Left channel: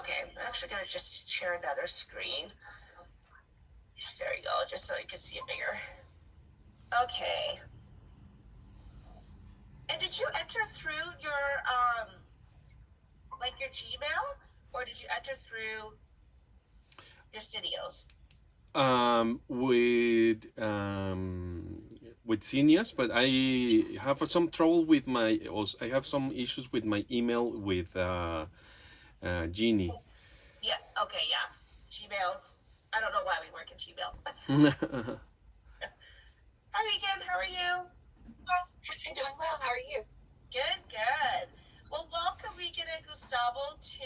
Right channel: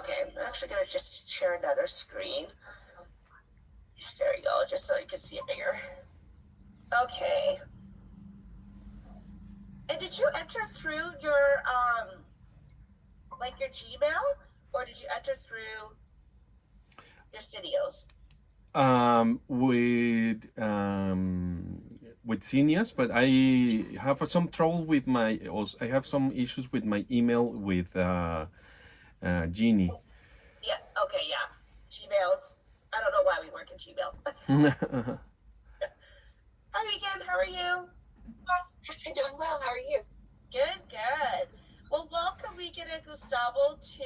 Okay, I'm actually gonna just share another screen. There you go, just so you can see it bigger. Okay. And did you enter through your like your Gmail, or did you enter through your studios? With seniors, but I have some trouble with my. Also, I have some issues with my email with Genie. Yeah. Okay. Yeah. Gmails. I don't know why we work in Gmail. Hi, Regan. How are you? I'm doing well. How are you? Good. Good. Well, welcome, Regan and Gustavo, to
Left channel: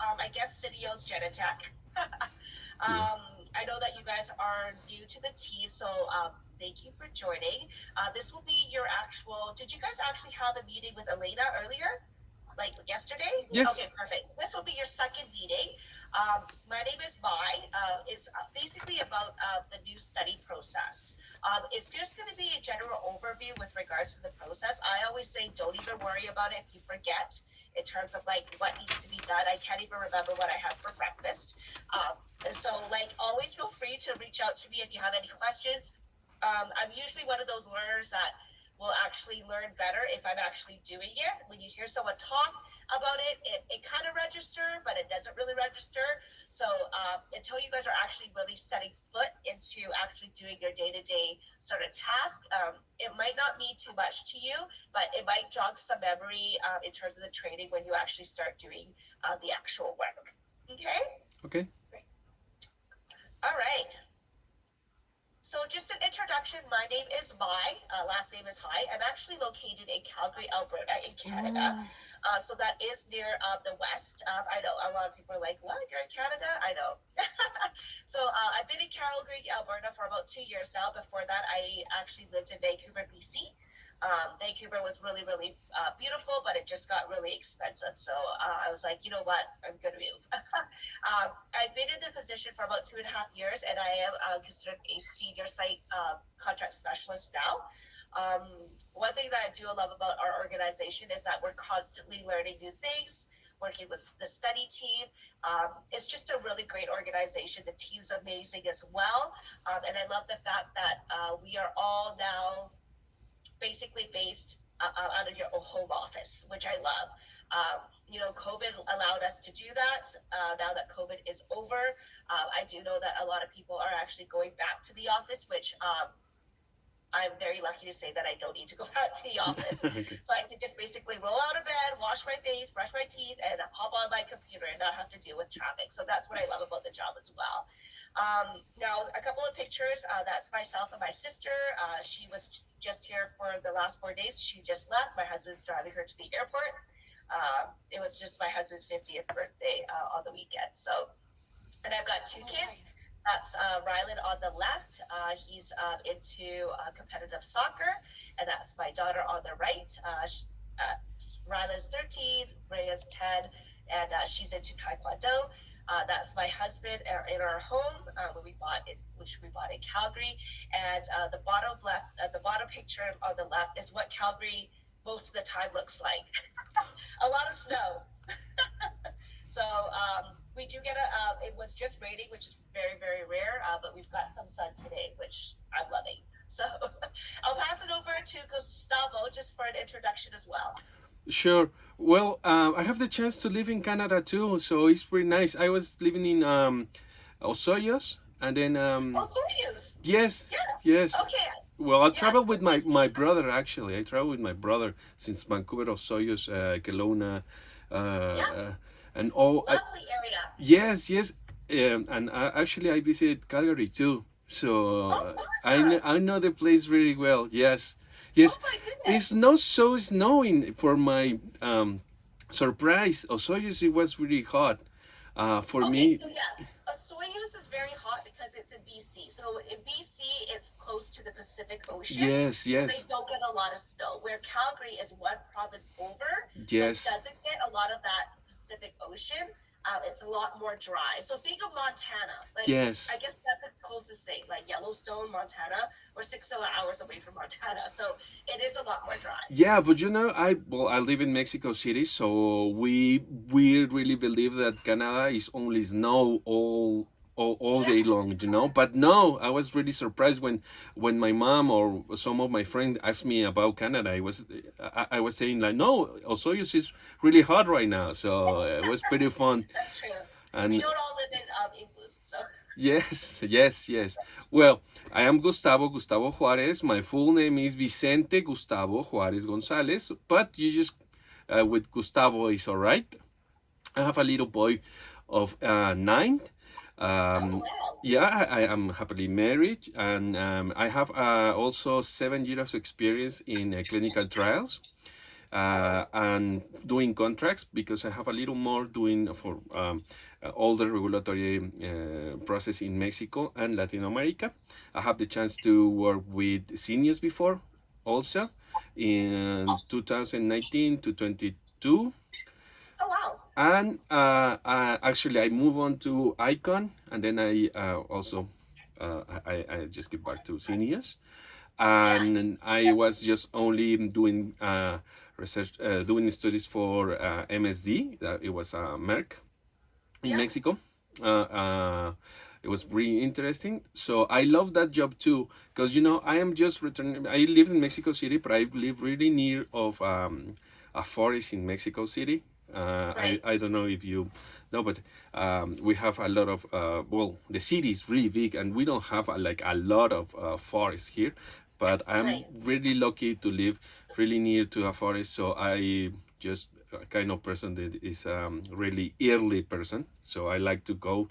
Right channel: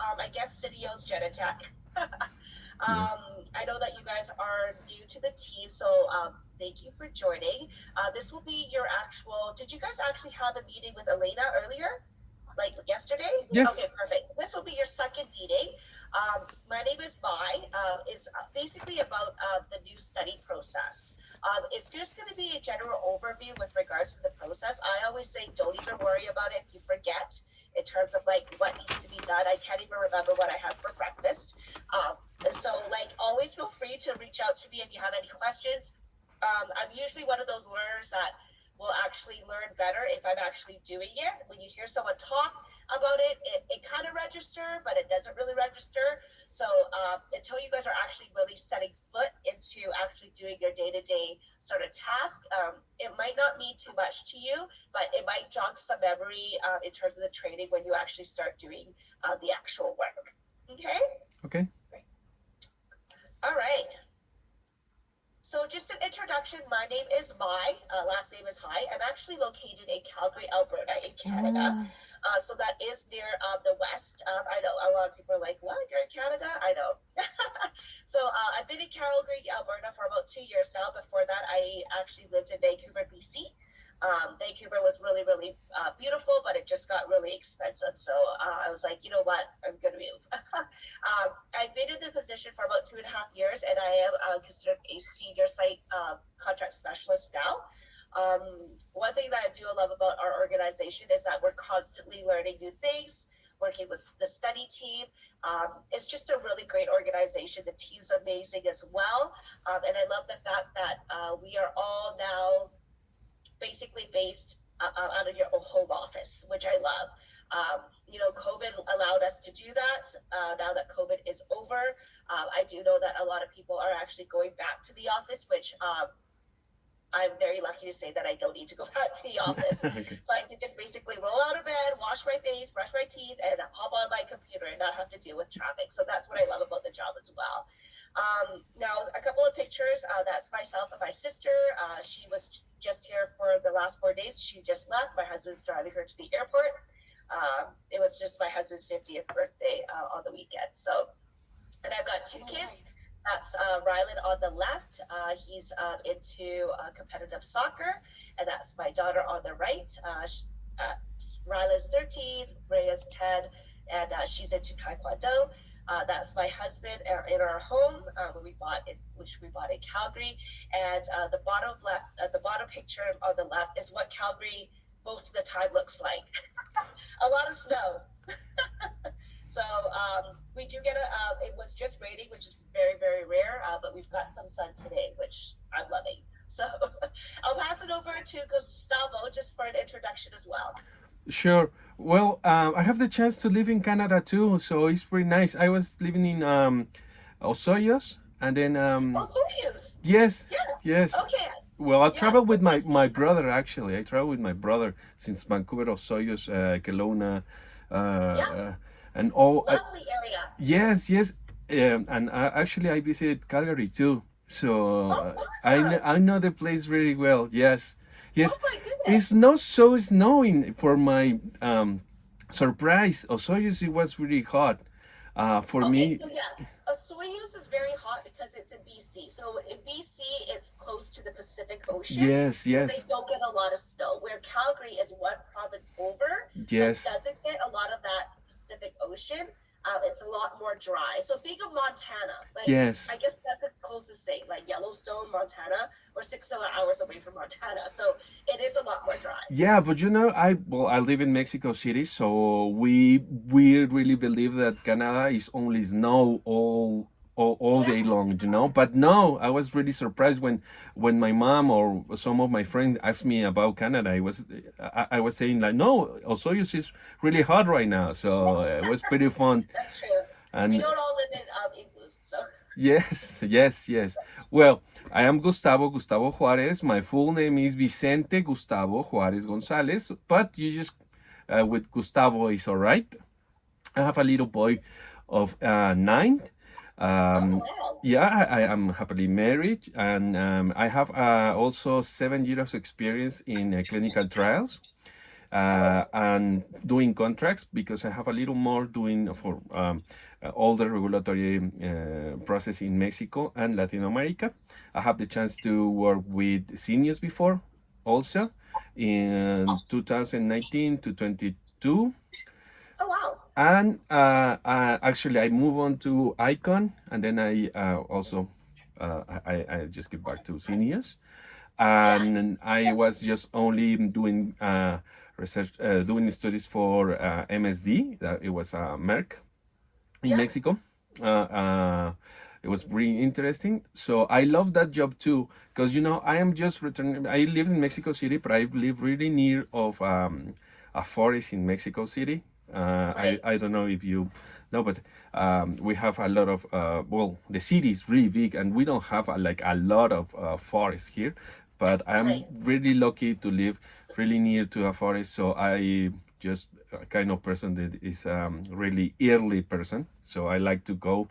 I guess Studio's Genetech. Yeah. I know that you guys are new to the team, so thank you for joining. This will be your actual. Did you guys actually have a meeting with Elena earlier? Like yesterday? Yes. Okay, perfect. This will be your second meeting. My name is Mai. It's basically about the new study process. It's just going to be a general overview with regards to the process. I always say don't even worry about it if you forget in terms of like what needs to be done. I can't even remember what I had for breakfast. And so like always feel free to reach out to me if you have any questions. I'm usually one of those learners that will actually learn better if I'm actually doing it. When you hear someone talk about it, it kind of register, but it doesn't really register. So until you guys are actually really setting foot into actually doing your day-to-day sort of task, it might not mean too much to you, but it might jog some memory in terms of the training when you actually start doing the actual work. Okay? Okay. All right. So just an introduction, my name is Mai, last name is Hai. I'm actually located in Calgary, Alberta in Canada. Oh. So that is near the west. I know a lot of people are like, what, you're in Canada? I know. So I've been in Calgary, Alberta for about 2 years now. Before that, I actually lived in Vancouver, BC. Vancouver was really, really beautiful, but it just got really expensive. So I was like, you know what, I'm going to move. I've been in the position for about 2.5 years, and I am considered a senior site contract specialist now. One thing that I do love about our organization is that we're constantly learning new things, working with the study team. It's just a really great organization. The team's amazing as well. And I love the fact that we are all now basically based out of your home office, which I love. COVID allowed us to do that. Now that COVID is over, I do know that a lot of people are actually going back to the office, which I'm very lucky to say that I don't need to go back to the office. Okay. So I can just basically roll out of bed, wash my face, brush my teeth, and hop on my computer and not have to deal with traffic. So that's what I love about the job as well. Now, a couple of pictures. That's myself and my sister. She was just here for the last 4 days. She just left. My husband's driving her to the airport. It was just my husband's 50th birthday on the weekend. So, and I've got two Oh, kids. nice. That's Rylan on the left. He's into competitive soccer, and that's my daughter on the right. Rylan's 13, Rhea's 10, and she's into Taekwondo. That's my husband in our home, which we bought in Calgary. And the bottom left, the bottom picture on the left is what Calgary most of the time looks like. A lot of snow. So we do get it was just raining, which is very, very rare, but we've got some sun today, which I'm loving. So I'll pass it over to Gustavo just for an introduction as well. Sure. Well, I have the chance to live in Canada too, so it's pretty nice. I was living in Osoyos, and then Oh, Soyuz. yes, Yes. yes. Okay. Well, I Yes, traveled with good place to my be. brother actually. I traveled with my brother since Vancouver, Osoyos, Kelowna, Yeah, and all. lovely area. Yes, yes. And actually, I visited Calgary too, so Oh, awesome. I know the place very well. Yes, yes. Oh my It's goodness. not so snowing for my surprise. Osoyoos it was really hot. For Okay, me, so yeah, Soyuz is very hot because it's in BC. So in BC, it's close to the Pacific Ocean, yes, so they yes, don't get a lot of snow. Where Calgary is one province over, so it yes. doesn't get a lot of that Pacific Ocean. it's a lot more dry. So think of Montana. Like Yes. I guess that's the closest thing, like Yellowstone, Montana. We're 6 hours away from Montana, so it is a lot more dry. Yeah, but you know, I live in Mexico City, so we really believe that Canada is only snow all Yeah. day long, you know. But no, I was really surprised when my mom or some of my friends asked me about Canada. I was saying like, no, Osoyoos is really hot right now, so it was pretty fun. That's true. We And don't all live in igloos, so yes, yes, yes. Well, I am Gustavo Juarez. My full name is Vicente Gustavo Juarez Gonzalez, but you just with Gustavo is all right. I have a little boy of 9. oh Um, wow. yeah, I am happily married, and I have also 7 years of experience in clinical trials and doing contracts because I have a little more doing for all the regulatory process in Mexico and Latin America. I have the chance to work with seniors before also in 2019 to 22. Oh wow. And actually, I move on to Icon, and then I also I just get back to seniors, Yeah. and I was just only doing research, doing studies for MSD. That it was Merck in Yeah. Mexico. It was really interesting. So I love that job too, because you know I am just returning. I live in Mexico City, but I live really near of a forest in Mexico City. Right. I don't know if you know, but we have a lot of well, the city is really big, and we don't have like a lot of forest here. But I'm Right. really lucky to live really near to a forest, so I just a kind of person that is really early person. So I like to go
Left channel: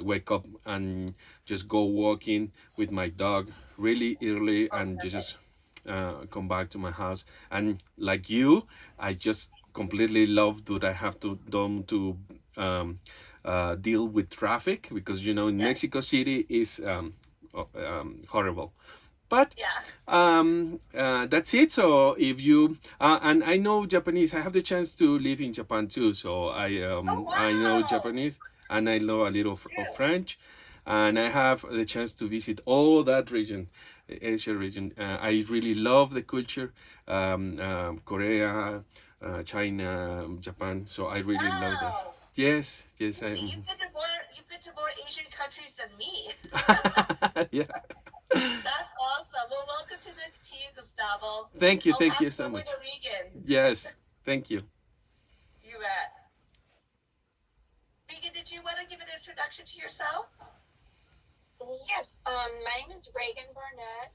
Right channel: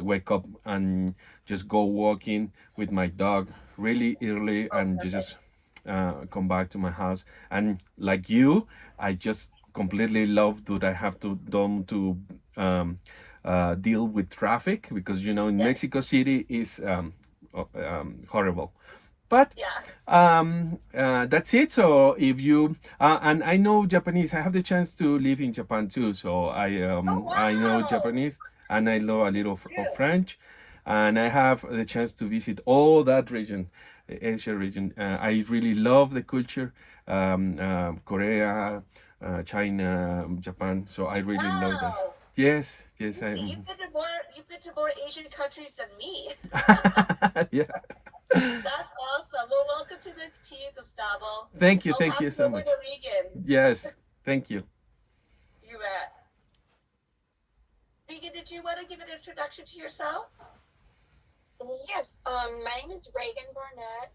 wake up and just go walking with my dog really early Oh, and just perfect. come back to my house. And like you, I just completely love that I have to don't to deal with traffic because you know in Yes. Mexico City is horrible. But Yeah. that's it. So if you and I know Japanese, I have the chance to live in Japan too. So Oh I know wow. Japanese and I know a little of True. French, and I have the chance to visit all that region, Asia region. I really love the culture, Korea, China, Japan. So I really love that. Wow. Yes, yes, I. You've been to more Asian countries than me. Yeah. That's awesome. Well, welcome to you, Gustavo. I'll Thank you pass it so over to much. Regan. Yes, thank you. You at Regan? Did you want to give an introduction to yourself? Yes, my name is Reagan Barnett.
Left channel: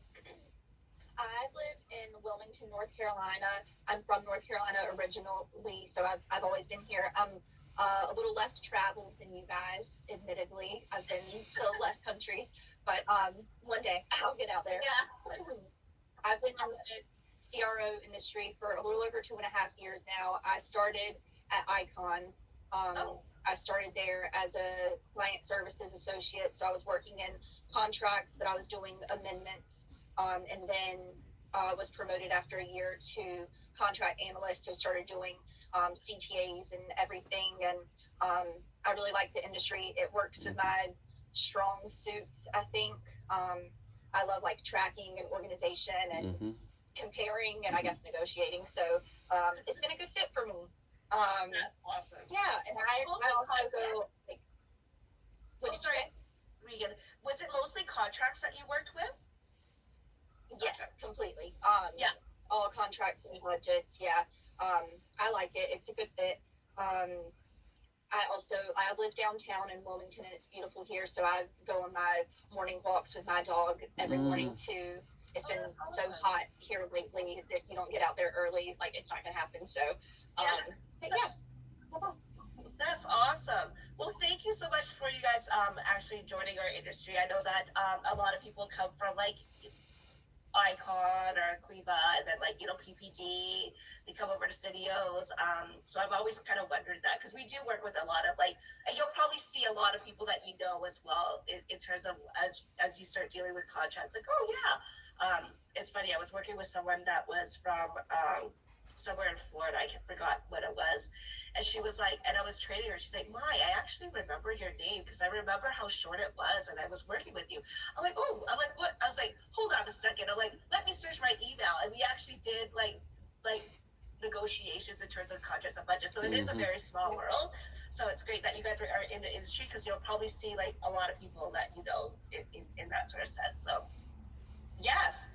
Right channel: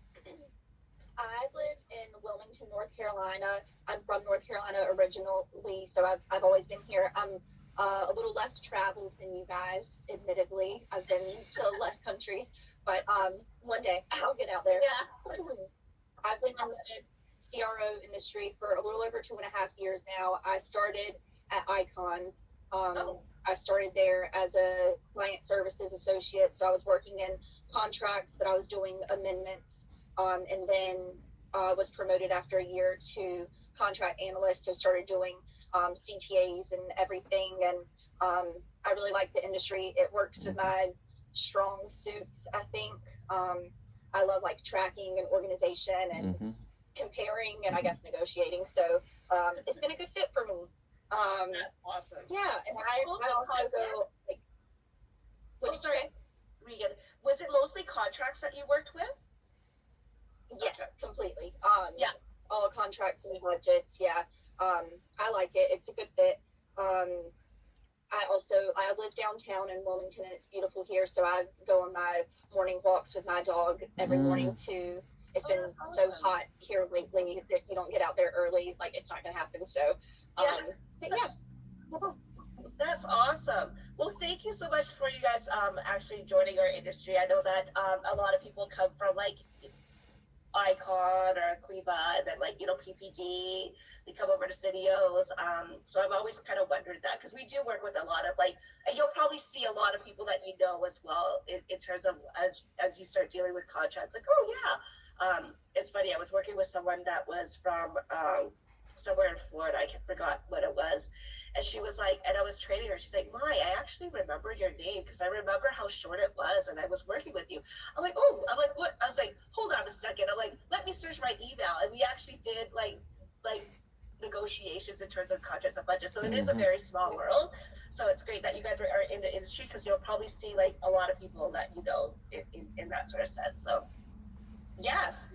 I live in Wilmington, North Carolina. I'm from North Carolina originally, so I've always been here. I'm a little less traveled than you guys, admittedly. I've been to less countries, but one day I'll get out there. Yeah. I've been in the CRO industry for a little over 2.5 years now. I started at Icon. Oh. I started there as a client services associate, so I was working in contracts, but I was doing amendments, and then was promoted after a year to contract analyst. So started doing CTAs and everything, and I really like the industry. It works with my strong suits, I think. I love like tracking and organization and Mm-hmm. comparing and I guess negotiating. So it's been a good fit for me. That's awesome. Yeah, and Was I it mostly also contract? go like, what Oh, did you sorry, say? Regan. Was it mostly contracts that you worked with? Yes, Okay. completely. Yeah. All contracts and budgets. Yeah, I like it. It's a good fit. Um, I live downtown in Wilmington and it's beautiful here. So I go on my morning walks with my dog every morning Mm. too. It's Oh, been that's so awesome. hot here lately that you don't get out there early. Like it's not gonna happen. So, Yeah. but yeah. That's awesome. Well, thank you so much for you guys actually joining our industry. I know that a lot of people come from like Icon or Quiva and then like PPD, they come over to Studios. So I've always kind of wondered that because we do work with a lot of like, and you'll probably see a lot of people that you know as well in terms of as you start dealing with contracts. Like, oh yeah, it's funny. I was working with someone that was from somewhere in Florida. I forgot what it was. And she was like, and I was training her. She's like, Mai, I actually remember your name because I remember how short it was, and I was working with you. I'm like, oh, I'm like, what? I was like, hold on a second. I'm like, let me search my email, and we actually did like negotiations in terms of contracts and budgets. So it is a very small world. So it's great that you guys are in the industry because you'll probably see like a lot of people that you know in that sort of sense. So yes.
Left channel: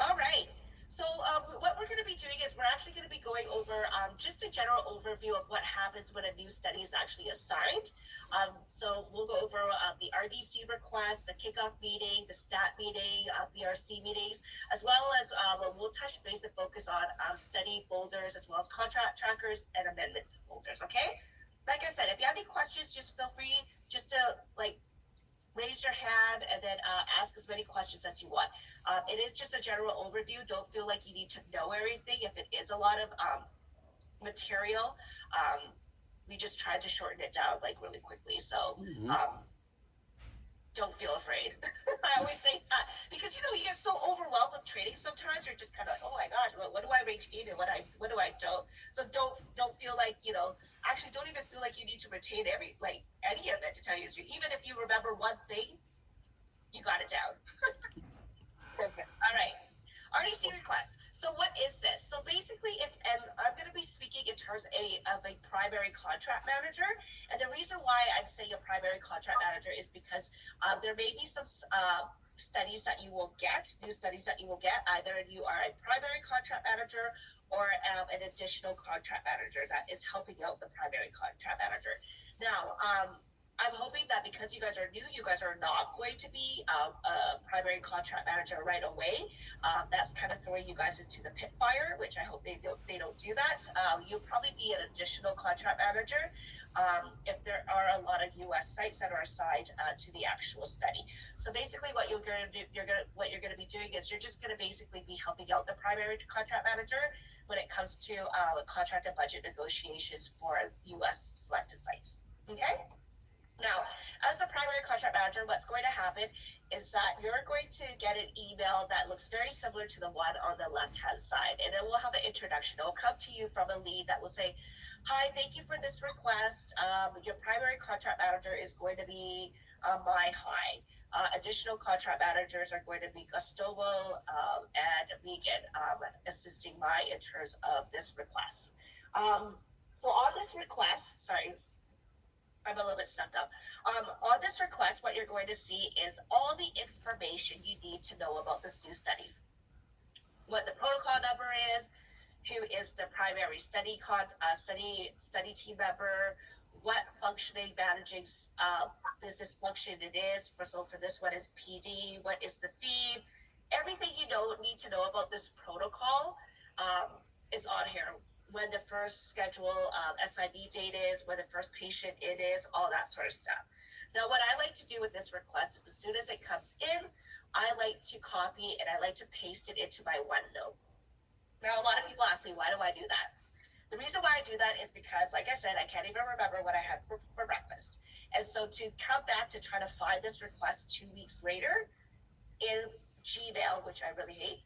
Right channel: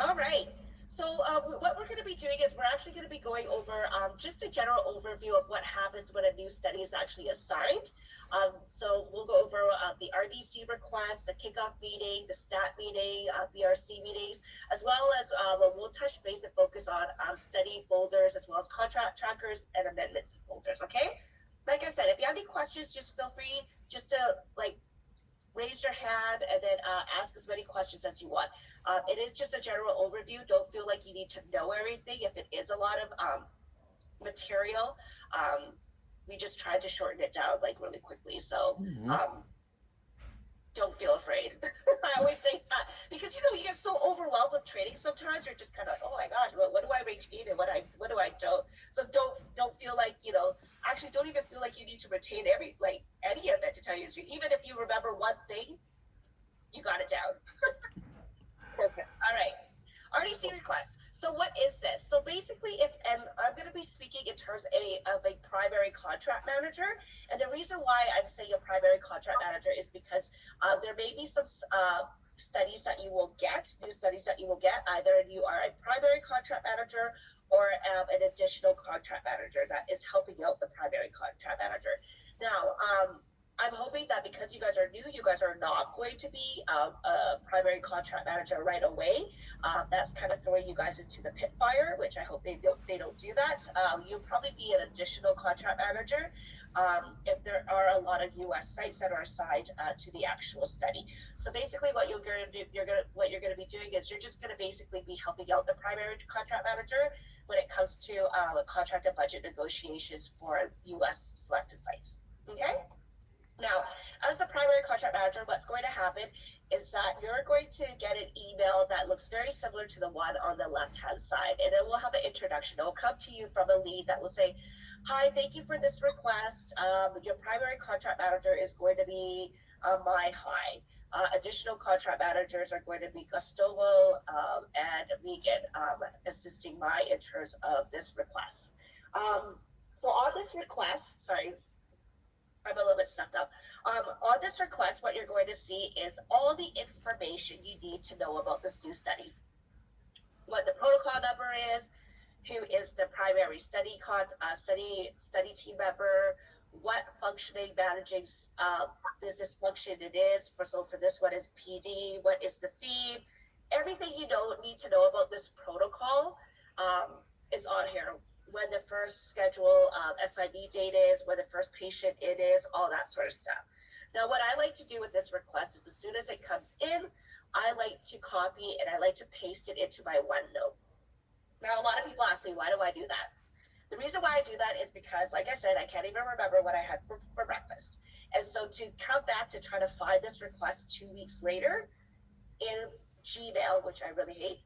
All right. So what we're going to be doing is we're actually going to be going over just a general overview of what happens when a new study is actually assigned. So we'll go over the RDC request, the kickoff meeting, the STAT meeting, BRC meetings, as well as we'll touch base and focus on study folders, as well as contract trackers and amendments folders. Okay. Like I said, if you have any questions, just feel free just to like raise your hand and then ask as many questions as you want. It is just a general overview. Don't feel like you need to know everything. If it is a lot of material, we just tried to shorten it down like really quickly. So don't feel afraid. I always say that because you know you get so overwhelmed with training sometimes. You're just kind of, oh my gosh, what do I retain and what do I don't? So don't feel like, you know, actually don't even feel like you need to retain any of it, to tell you the truth. Even if you remember one thing, you got it down. Perfect. All right. RDC request. So what is this? So basically, and I'm going to be speaking in terms of a primary contract manager. And the reason why I'm saying a primary contract manager is because there may be some studies that you will get, new studies that you will get. Either you are a primary contract manager or an additional contract manager that is helping out the primary contract manager. Now, I'm hoping that because you guys are new, you guys are not going to be a primary contract manager right away. That's kind of throwing you guys into the pit fire, which I hope they don't do that. You'll probably be an additional contract manager if there are a lot of U.S. sites that are assigned to the actual study. So basically, what you're going to do, what you're going to be doing is you're just going to basically be helping out the primary contract manager when it comes to contract and budget negotiations for U.S. selected sites. Okay. Now, as a primary contract manager, what's going to happen is that you're going to get an email that looks very similar to the one on the left-hand side, and it will have an introduction. It will come to you from a lead that will say, hi, thank you for this request. Your primary contract manager is going to be Mai Hai. Additional contract managers are going to be Gustavo and Megan assisting Mai in terms of this request. So on this request, sorry, I'm a little bit stuffed up. On this request, what you're going to see is all the information you need to know about this new study. What the protocol number is, who is the primary study team member, what functioning managing business function it is. For this one is PD, what is the theme. Everything you need to know about this protocol is on here. When the first schedule SIV date is, when the first patient it is, all that sort of stuff. Now, what I like to do with this request is as soon as it comes in, I like to copy and I like to paste it into my OneNote. Now, a lot of people ask me, why do I do that? The reason why I do that is because, like I said, I can't even remember what I had for breakfast. And so to come back to try to find this request 2 weeks later in Gmail, which I really hate,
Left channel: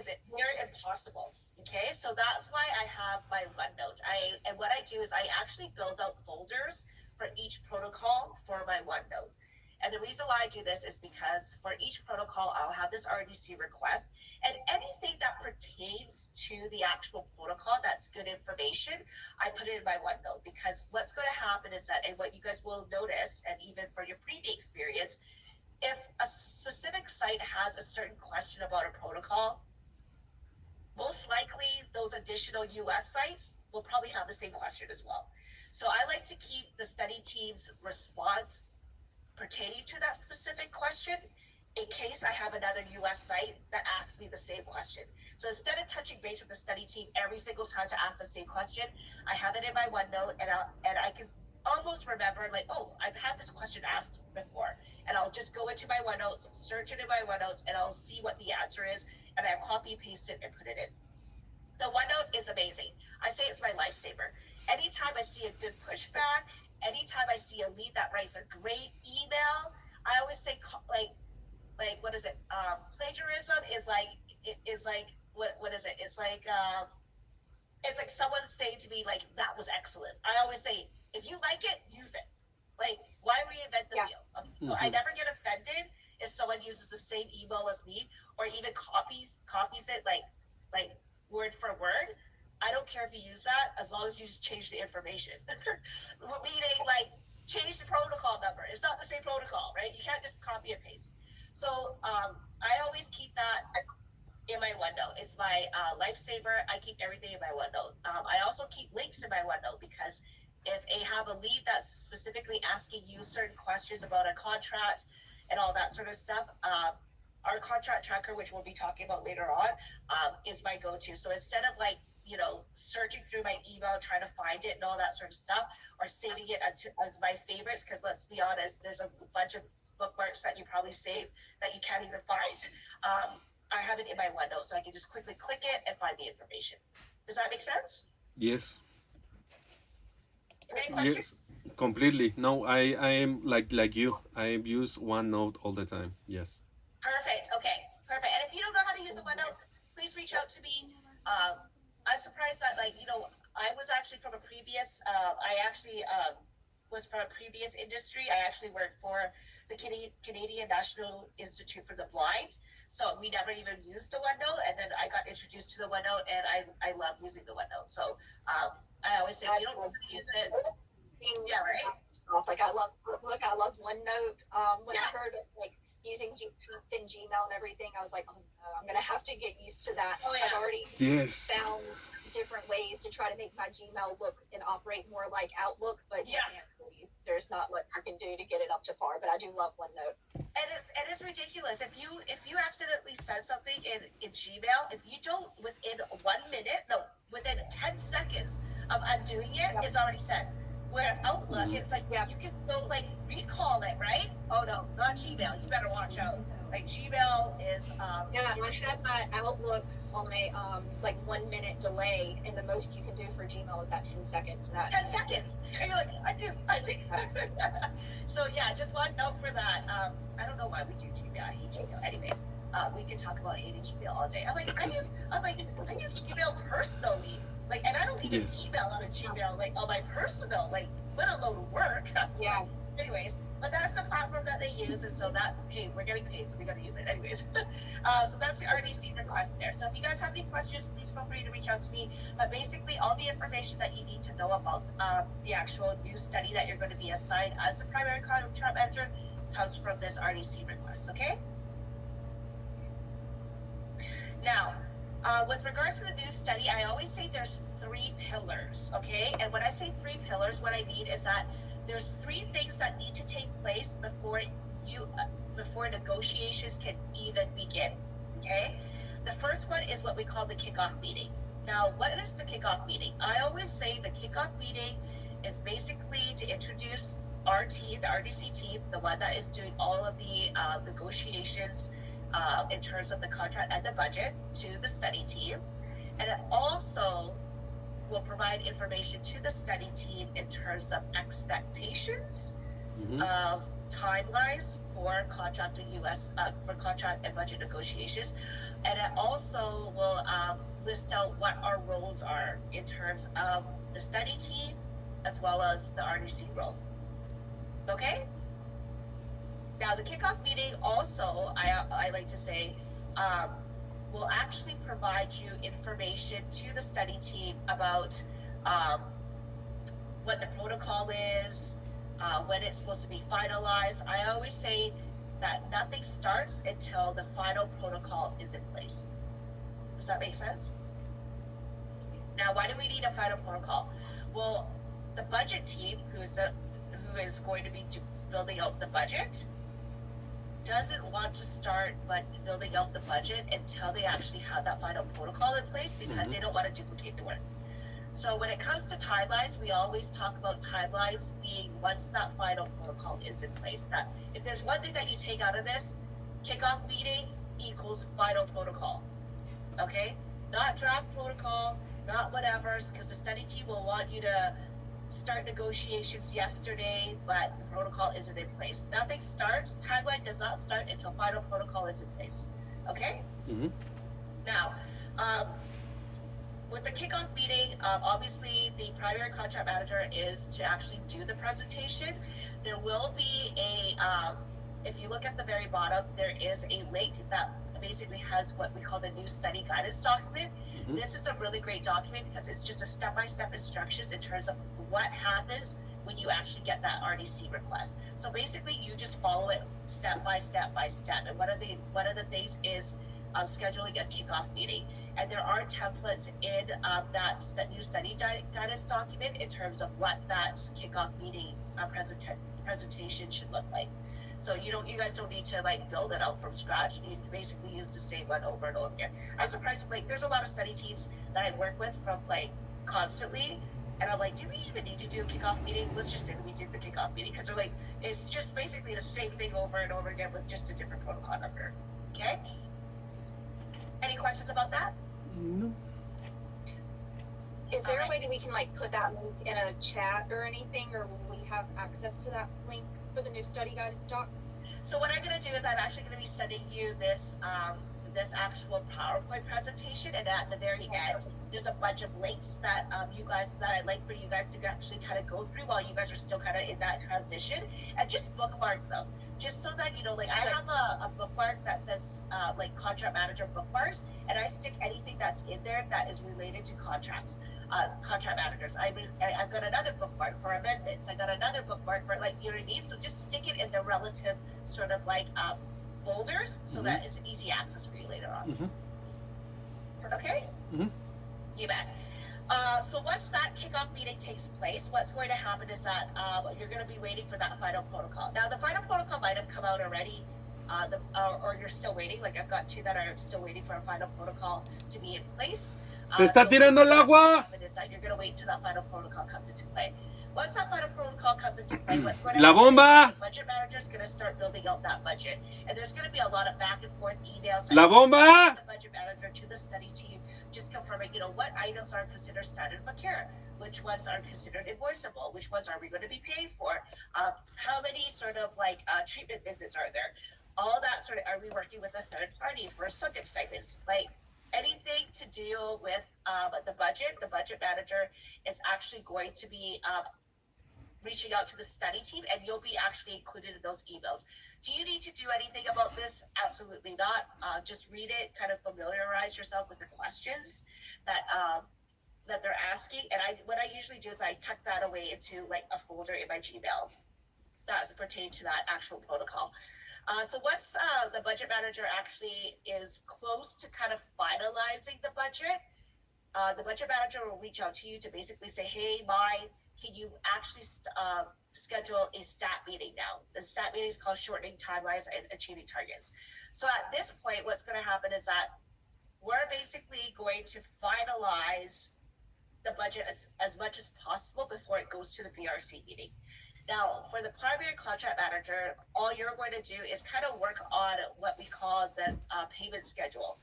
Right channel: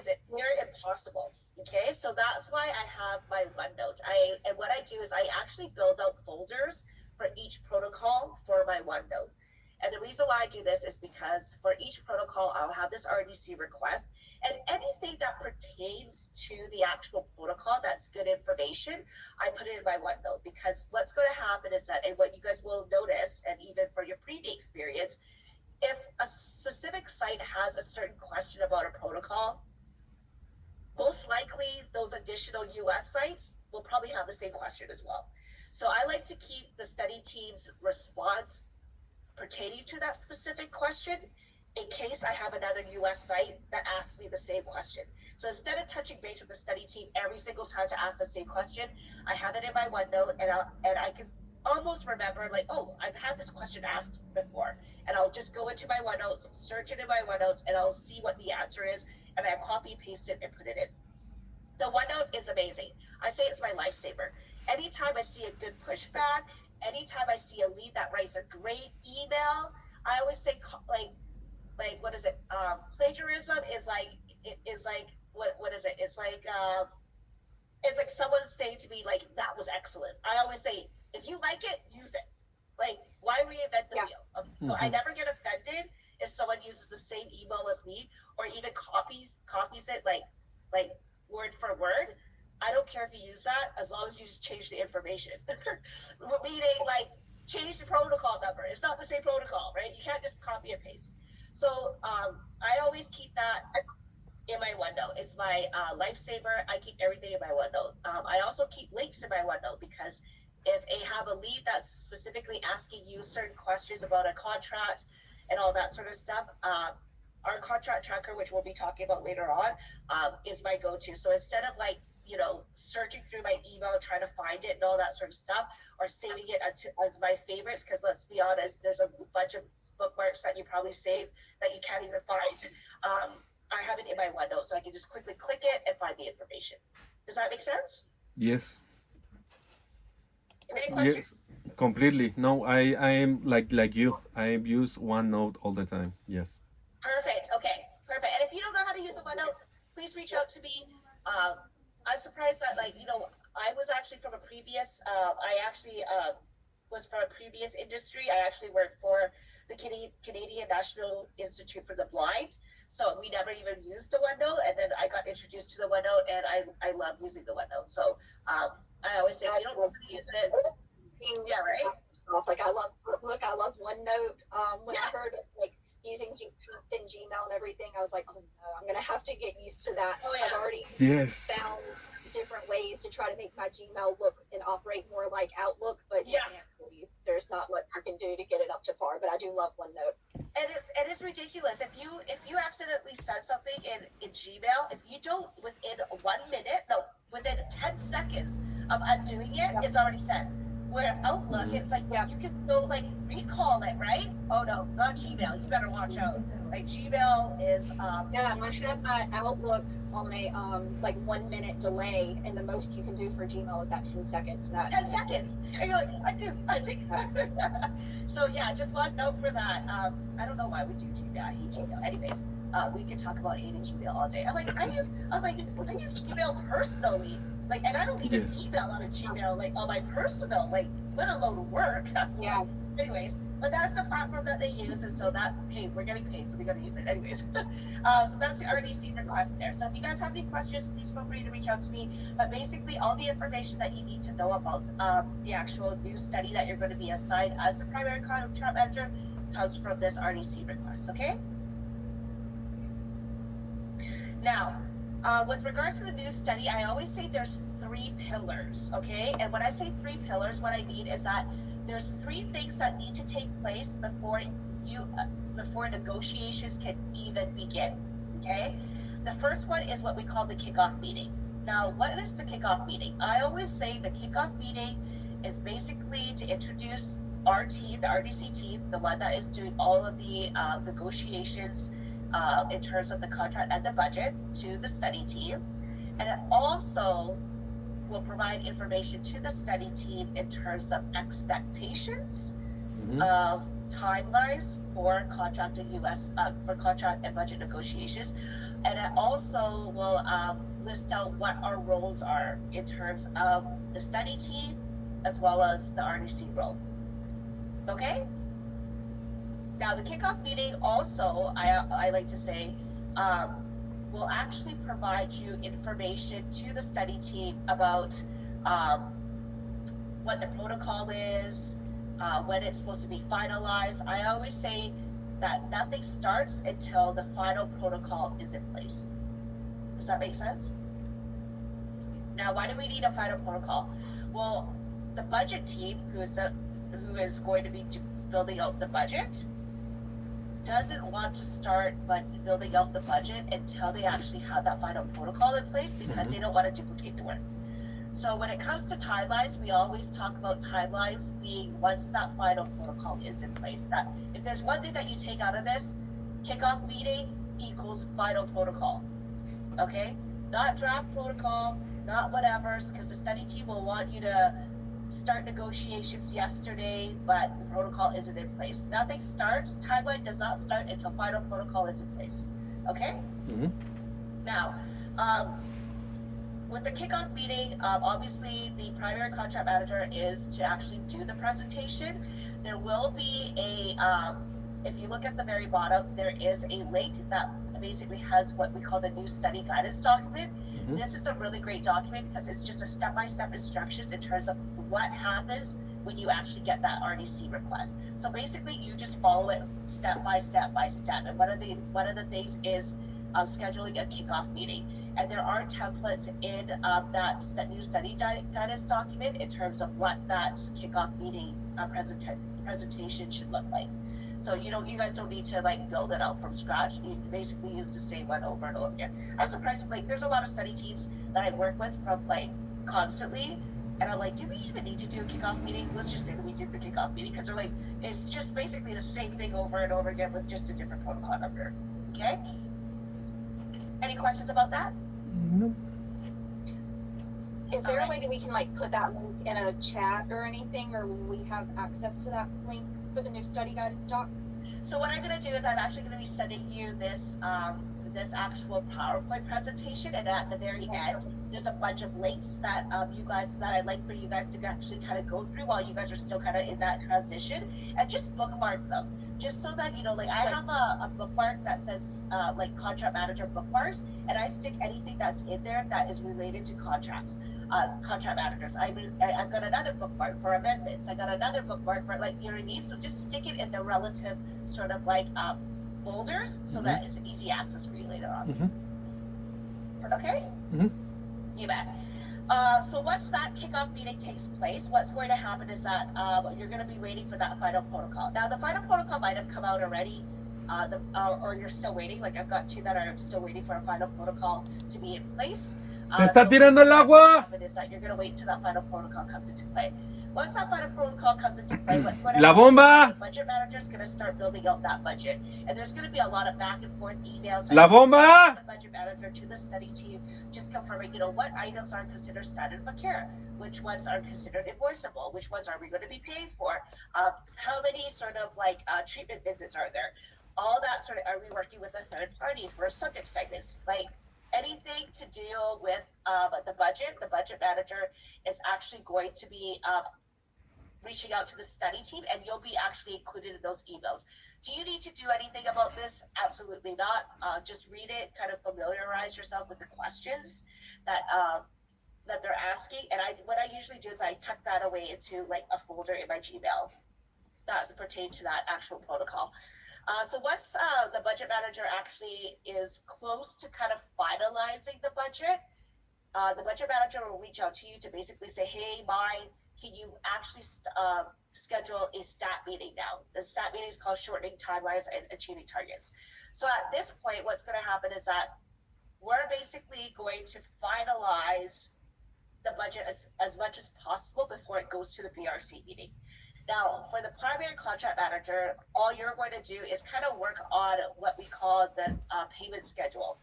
is it near impossible. Okay, so that's why I have my OneNote. And what I do is I actually build out folders for each protocol for my OneNote. And the reason why I do this is because for each protocol, I'll have this RDC request, and anything that pertains to the actual protocol that's good information, I put it in my OneNote. Because what's going to happen is that, and what you guys will notice, and even for your previous experience, if a specific site has a certain question about a protocol, most likely those additional US sites will probably have the same question as well. So I like to keep the study team's response pertaining to that specific question in case I have another US site that asks me the same question. So instead of touching base with the study team every single time to ask the same question, I have it in my OneNote and I can almost remember, like, oh, I've had this question asked before, and I'll just go into my OneNotes, search it in my OneNotes, and I'll see what the answer is, and I copy, paste it, and put it in. The OneNote is amazing. I say it's my lifesaver. Anytime I see a good pushback, anytime I see a lead that writes a great email, I always say, like what is it? Plagiarism is like what is it? It's like someone saying to me like that was excellent. I always say if you like it, use it. Like why reinvent the wheel? So I never get offended if someone uses the same email as me or even copies it like word for word. I don't care if you use that as long as you just change the information. Meaning like change the protocol number. It's not the same protocol, right? You can't just copy and paste. So I always keep that in my OneNote. It's my lifesaver. I keep everything in my OneNote. I also keep links in my OneNote because if I have a lead that's specifically asking you certain questions about a contract and all that sort of stuff, our contract tracker, which we'll be talking about later on, is my go-to. So instead of like, searching through my email, trying to find it and all that sort of stuff, or saving it as my favorites, because let's be honest, there's a bunch of bookmarks that you probably save that you can't even find. I have it in my OneNote, so I can just quickly click it and find the information. Does that make sense? Yes. Any questions? Yes, completely. No, I am like you. I use OneNote all the time. Yes. Perfect. Okay. Perfect. And if you don't know how to use the OneNote, please reach out to me. I'm surprised that I was actually from a previous. Was from a previous industry. I actually worked for the Canadian National Institute for the Blind. So we never even used the OneNote, and then I got introduced to the OneNote, and I love using the OneNote. So I always say, if you don't know how to use it, yeah, right. Like I love OneNote. When I heard like using Sheets and Gmail and everything, I was like, oh no, I'm gonna have to get used to that. Oh, yeah. I've already found different ways to try to make my Gmail look and operate more like Outlook, but there's not what you can do to get it up to par. But I do love OneNote. And it's ridiculous if you accidentally send something in Gmail, if you don't within 1 minute, no, within 10 seconds of undoing it, it's already sent. Where Outlook, it's like you can still like recall it, right? Oh no, not Gmail. You better watch out. Like Gmail is I set my Outlook on a 1 minute delay, and the most you can do for Gmail is at 10 seconds. 10 seconds. And you're like, I do. So yeah, just watch out for that. I don't know why we do Gmail. I hate Gmail. Anyways, we could talk about hating Gmail all day. I use Gmail personally. Like, and I don't even email on a Gmail, like on my personal, like, let alone work. Yeah. Anyways, but that's the platform that they use, and so that, hey, we're getting paid, so we gotta use it. Anyways, so that's the RDC request there. So if you guys have any questions, please feel free to reach out to me. But basically, all the information that you need to know about the actual new study that you're going to be assigned as the primary contract manager comes from this RDC request, okay? Now, with regards to the new study, I always say there's 3 pillars, okay? And when I say 3 pillars, what I mean is that there's 3 things that need to take place before negotiations can even begin, okay? The first one is what we call the kickoff meeting. Now, what is the kickoff meeting? I always say the kickoff meeting is basically to introduce our team, the RDC team, the one that is doing all of the negotiations in terms of the contract and the budget, to the study team. And it also will provide information to the study team in terms of expectations of timelines for contract and for contract and budget negotiations. And it also will list out what our roles are in terms of the study team as well as the RDC role. Okay? Now, the kickoff meeting also, I like to say, will actually provide you information to the study team about what the protocol is, when it's supposed to be finalized. I always say that nothing starts until the final protocol is in place. Does that make sense? Now, why do we need a final protocol? Well, the budget team, who is going to be building out the budget, doesn't want to start building out the budget until they actually have that final protocol in place, because they don't want to duplicate the work. So when it comes to timelines, we always talk about timelines being once that final protocol is in place. That if there's one thing that you take out of this, kickoff meeting equals final protocol. Okay? Not draft protocol, not whatever, because the study team will want you to start negotiations yesterday, but the protocol isn't in place. Nothing starts, timeline does not start until final protocol is in place. Okay? Now, Um, with the kickoff meeting, obviously the primary contract manager is to actually do the presentation. There will be if you look at the very bottom, there is a link that basically has what we call the new study guidance document. Mm-hmm. This is a really great document because it's just a step-by-step instructions in terms of what happens when you actually get that RDC request. So basically, you just follow it step by step by step. And one of the things is scheduling a kickoff meeting. And there are templates in that new study guidance document in terms of what that kickoff meeting presentation should look like. So you guys don't need to like build it out from scratch. You can basically use the same one over and over again. I'm surprised, like there's a lot of study teams that I work with from like constantly, and I'm like, do we even need to do a kickoff meeting? Let's just say that we did the kickoff meeting, because they're like, it's just basically the same thing over and over again with just a different protocol number. Okay. Any questions about that? No. Is there a way that we can like put that link in a chat or anything, or will we have access to that link for the new study guidance doc? So what I'm going to do is I'm actually going to be sending you this this actual PowerPoint presentation, and at the very end, there's a bunch of links that I'd like for you guys to actually kind of go through while you guys are still kind of in that transition, and just bookmark them, just so that like I have a bookmark that says like contract manager bookmarks, and I stick anything that's in there that is related to contract managers. I've got another bookmark for amendments. I got another bookmark for like, you know what I mean? So just stick it in the relative sort of like folders, so that it's easy access for you later on. Mm-hmm. Okay? Mm-hmm. You bet. So once that kickoff meeting takes place, what's going to happen is that you're going to be waiting for that final protocol. Now, the final protocol might have come out already, or you're still waiting. Like I've got two that are still waiting for a final protocol to be in place. Se está tirando el agua. Is that you're going to wait until that final protocol comes into play. Once that final protocol comes into play, what's going to La happen bomba. is the budget manager is going to start building out that budget, and there's going to be a lot of back and forth emails. La bomba. The budget manager to the study team, just confirming, what items are considered standard of care, which ones are considered invoiceable, which ones are we going to be paying for, how many sort of like treatment visits are there, all that sort of, are we working with a third party for subject statements, like anything to deal with the budget manager is actually going to be reaching out to the study team, and you'll be actually included in those emails. Do you need to do anything about this? Absolutely not. Just read it, kind of familiarize yourself with the questions that they're asking. And what I usually do is I tuck that away into like a folder in my Gmail that's pertaining to that actual protocol. So once the budget manager actually is close to kind of finalizing the budget manager will reach out to you to basically say, hey, can you actually schedule a stat meeting now? The stat meeting is called Shortening Timelines and Achieving Targets. So at this point, what's going to happen is that we're basically going to finalize the budget as much as possible before it goes to the BRC meeting. Now, for the primary contract manager, all you're going to do is kind of work on what we call the payment schedule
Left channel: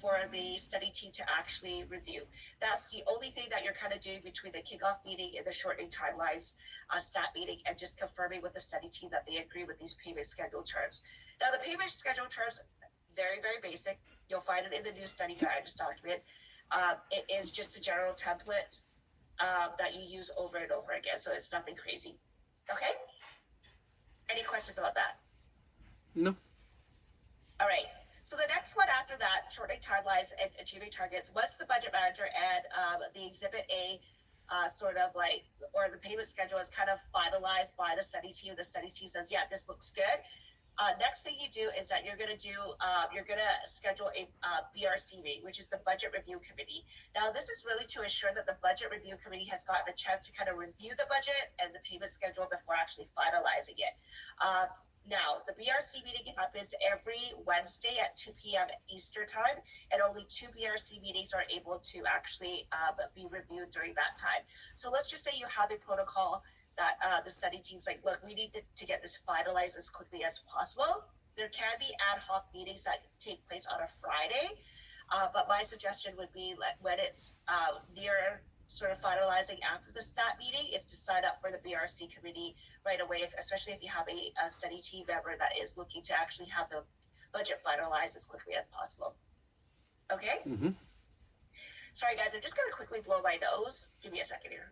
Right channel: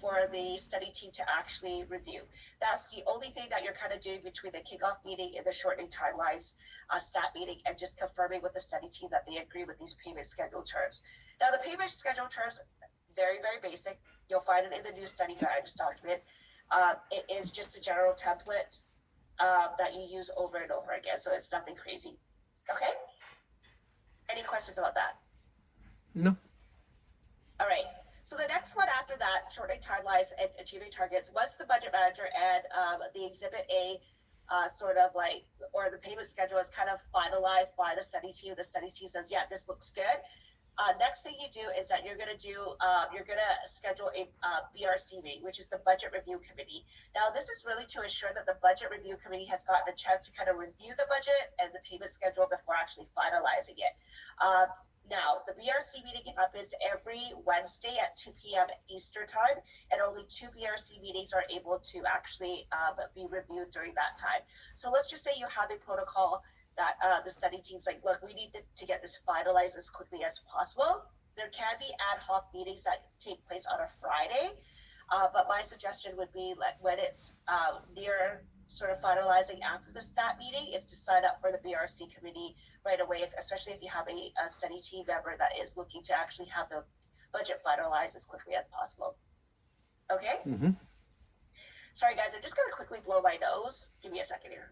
for the study team to actually review. That's the only thing that you're kind of doing between the kickoff meeting and the shortening timelines stat meeting, and just confirming with the study team that they agree with these payment schedule terms. Now, the payment schedule terms, very, very basic. You'll find it in the new study guidance document. It is just a general template that you use over and over again, so it's nothing crazy. Okay? Any questions about that? No. All right. So the next one after that, shortening timelines and achieving targets, once the budget manager and the exhibit A sort of like, or the payment schedule is kind of finalized by the study team says, yeah, this looks good. Next thing you do is that you're going to schedule a BRC meeting, which is the Budget Review Committee. Now, this is really to ensure that the Budget Review Committee has gotten a chance to kind of review the budget and the payment schedule before actually finalizing it. Now, the BRC meeting happens every Wednesday at 2 p.m. Eastern time, and only 2 BRC meetings are able to actually be reviewed during that time. So let's just say you have a protocol that the study team's like, look, we need to get this finalized as quickly as possible. There can be ad hoc meetings that take place on a Friday, but my suggestion would be like when it's near sort of finalizing after the stat meeting is to sign up for the BRC committee right away, especially if you have a study team member that is looking to actually have the budget finalized as quickly as possible. Okay? Mm-hmm. Sorry, guys, I'm just going to quickly blow my nose. Give me a second here.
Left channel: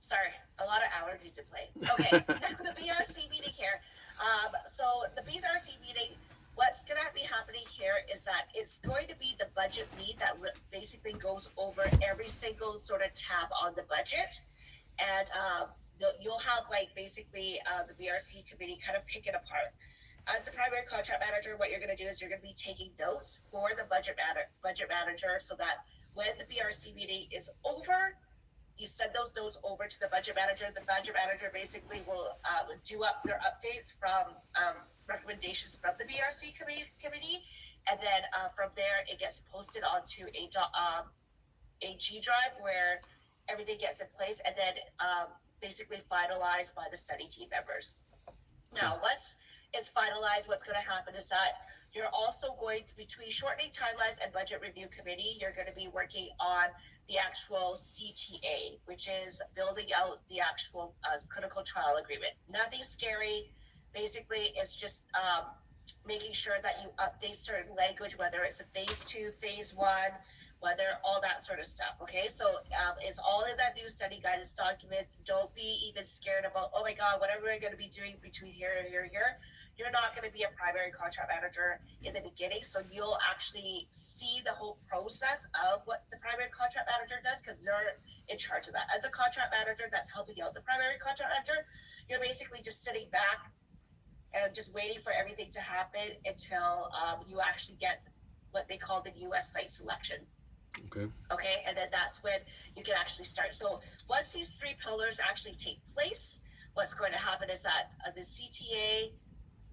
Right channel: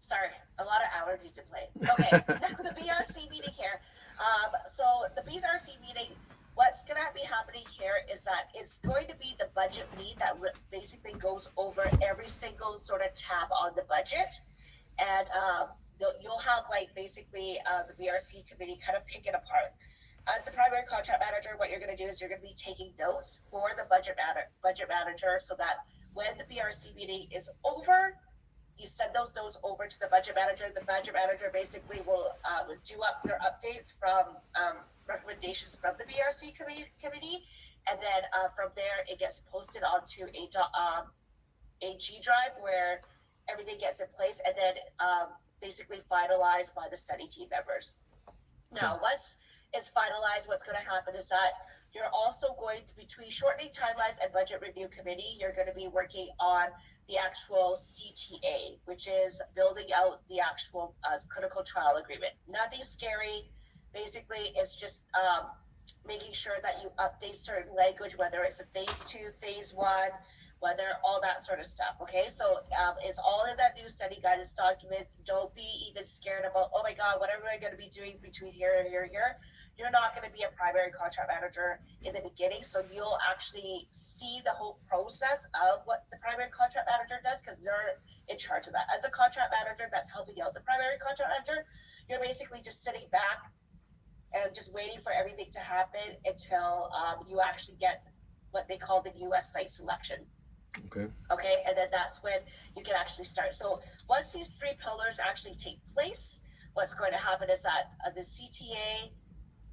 Sorry, a lot of allergies in play. Okay, the BRC meeting here. So the BRC meeting, what's going to be happening here is that it's going to be the budget lead that basically goes over every single sort of tab on the budget. And you'll have like basically the BRC committee kind of pick it apart. As the primary contract manager, what you're going to do is you're going to be taking notes for the budget manager so that when the BRC meeting is over, you send those notes over to the budget manager. The budget manager basically will do up their updates from recommendations from the BRC committee, and then from there it gets posted onto a G drive where everything gets in place, and then basically finalized by the study team members. Now, once it's finalized, what's going to happen is that you're also going to, between shortening timelines and budget review committee, you're going to be working on the actual CTA, which is building out the actual clinical trial agreement. Nothing scary. Basically, it's just making sure that you update certain language, whether it's a phase 2, phase 1, whether all that sort of stuff. Okay, so it's all in that new study guidance document. Don't be even scared about, oh my God, what am I going to be doing between here and here and here? You're not going to be a primary contract manager in the beginning, so you'll actually see the whole process of what the primary contract manager does because they're in charge of that. As a contract manager that's helping out the primary contract manager, you're basically just sitting back and just waiting for everything to happen until you actually get what they call the US site selection. Okay, and then that's when you can actually start. So once these 3 pillars actually take place, what's going to happen is that the CTA,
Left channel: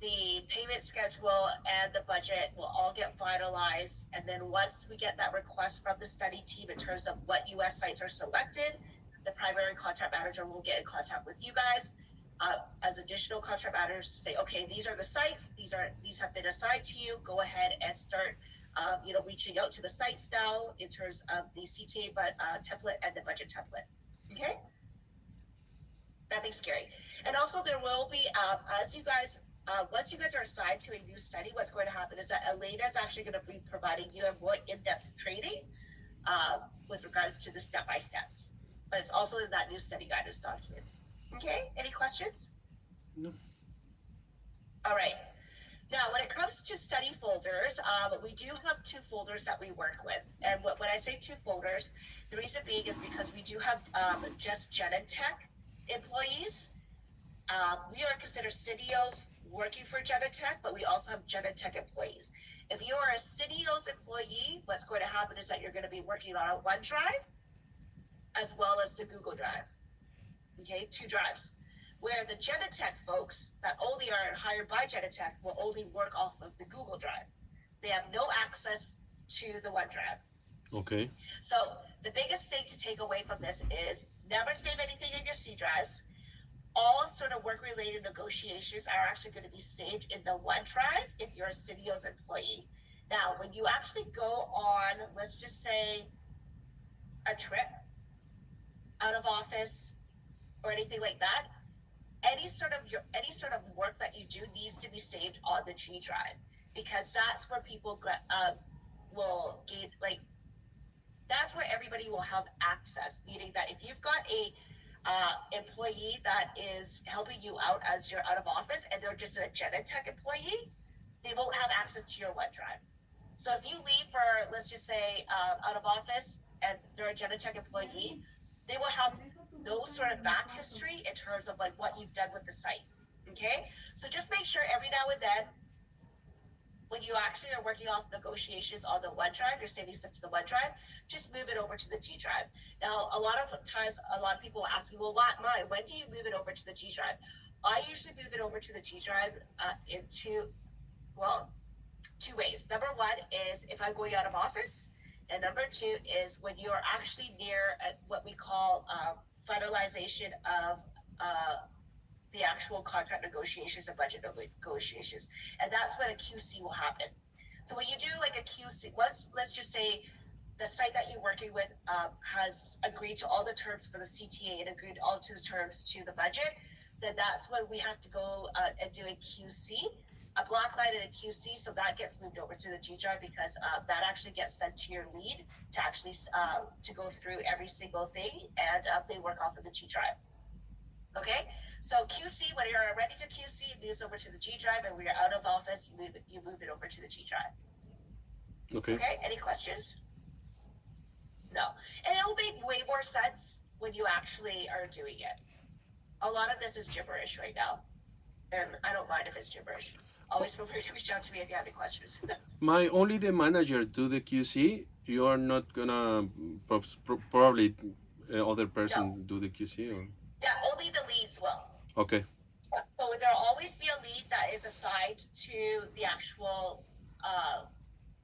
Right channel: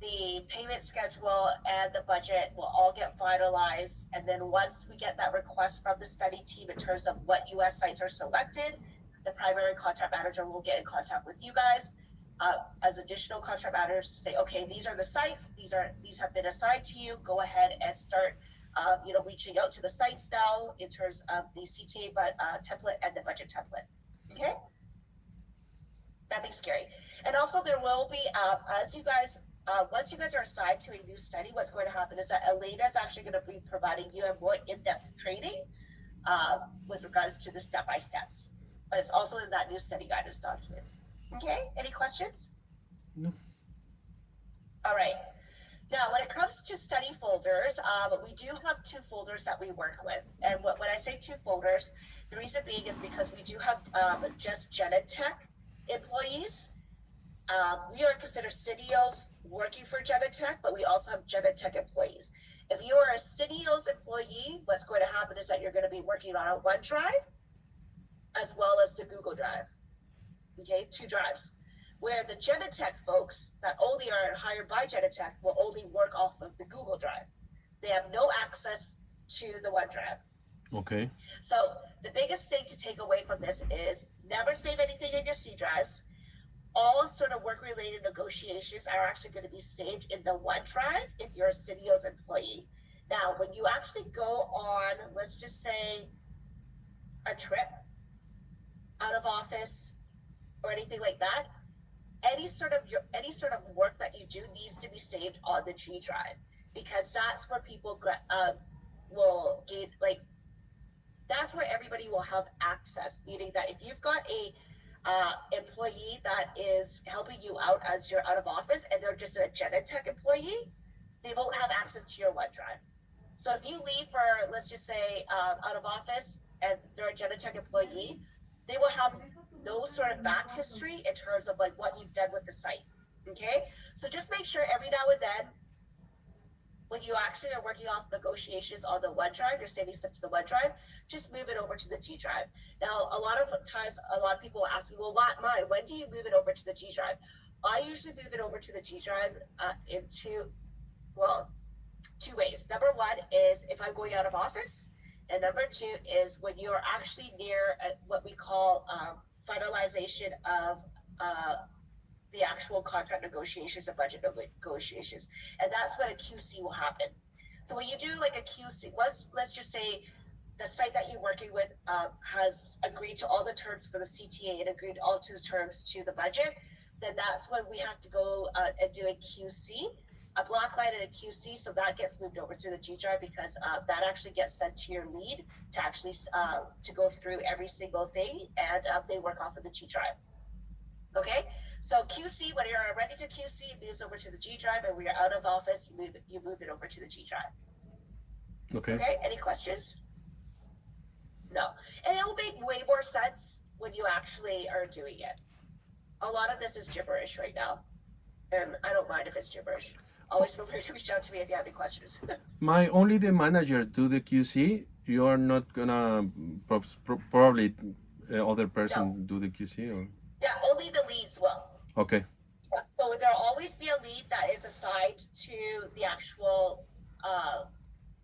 the payment schedule, and the budget will all get finalized. And then once we get that request from the study team in terms of what US sites are selected, the primary contract manager will get in contact with you guys as additional contract managers to say, okay, these are the sites, these have been assigned to you. Go ahead and start reaching out to the sites now in terms of the CTA template and the budget template. Okay? Nothing scary. And also there will be, as you guys, once you guys are assigned to a new study, what's going to happen is that Elena is actually going to be providing you a more in-depth training with regards to the step-by-steps. But it's also in that new study guidance document. Okay? Any questions? No. All right. Now, when it comes to study folders, we do have 2 folders that we work with. And when I say 2 folders, the reason being is because we do have just Genentech employees. We are considered CDOs working for Genentech, but we also have Genentech employees. If you are a CDO's employee, what's going to happen is that you're going to be working on a OneDrive as well as the Google Drive. Okay, 2 drives. Where the Genentech folks that only are hired by Genentech will only work off of the Google Drive. They have no access to the OneDrive. Okay. So the biggest thing to take away from this is never save anything in your C drives. All sort of work-related negotiations are actually going to be saved in the OneDrive if you're a CDO's employee. Now, when you actually go on, let's just say, a trip out of office or anything like that, any sort of work that you do needs to be saved on the G drive because that's where people will gain, like, that's where everybody will have access, meaning that if you've got a employee that is helping you out as you're out of office and they're just a Genentech employee, they won't have access to your OneDrive. So if you leave for, let's just say, out of office and they're a Genentech employee, they will have no sort of back history in terms of like what you've done with the site. Okay, so just make sure every now and then when you actually are working off negotiations on the OneDrive, you're saving stuff to the OneDrive, just move it over to the G drive. Now, a lot of times, a lot of people will ask me, well, when do you move it over to the G drive? I usually move it over to the G drive in 2 ways. Number 1 is if I'm going out of office, and number 2 is when you're actually near what we call finalization of the actual contract negotiations and budget negotiations, and that's when a QC will happen. So when you do like a QC, let's just say the site that you're working with has agreed to all the terms for the CTA and agreed all to the terms to the budget, then that's when we have to go and do a QC, a block line and a QC. So that gets moved over to the G drive because that actually gets sent to your lead to actually to go through every single thing, and they work off of the G drive. Okay, so QC, when you're ready to QC, it moves over to the G drive, and when you're out of office, you move it over to the G drive. Okay, any questions? No, and it'll make way more sense when you actually are doing it. A lot of this is gibberish right now, and I don't mind if it's gibberish. Always feel free to reach out to me if you have any questions. My only the manager do the QC. You are not gonna probably other person do the QC. Or? Yeah, only the leads will. Okay. So there'll always be a lead that is assigned to the actual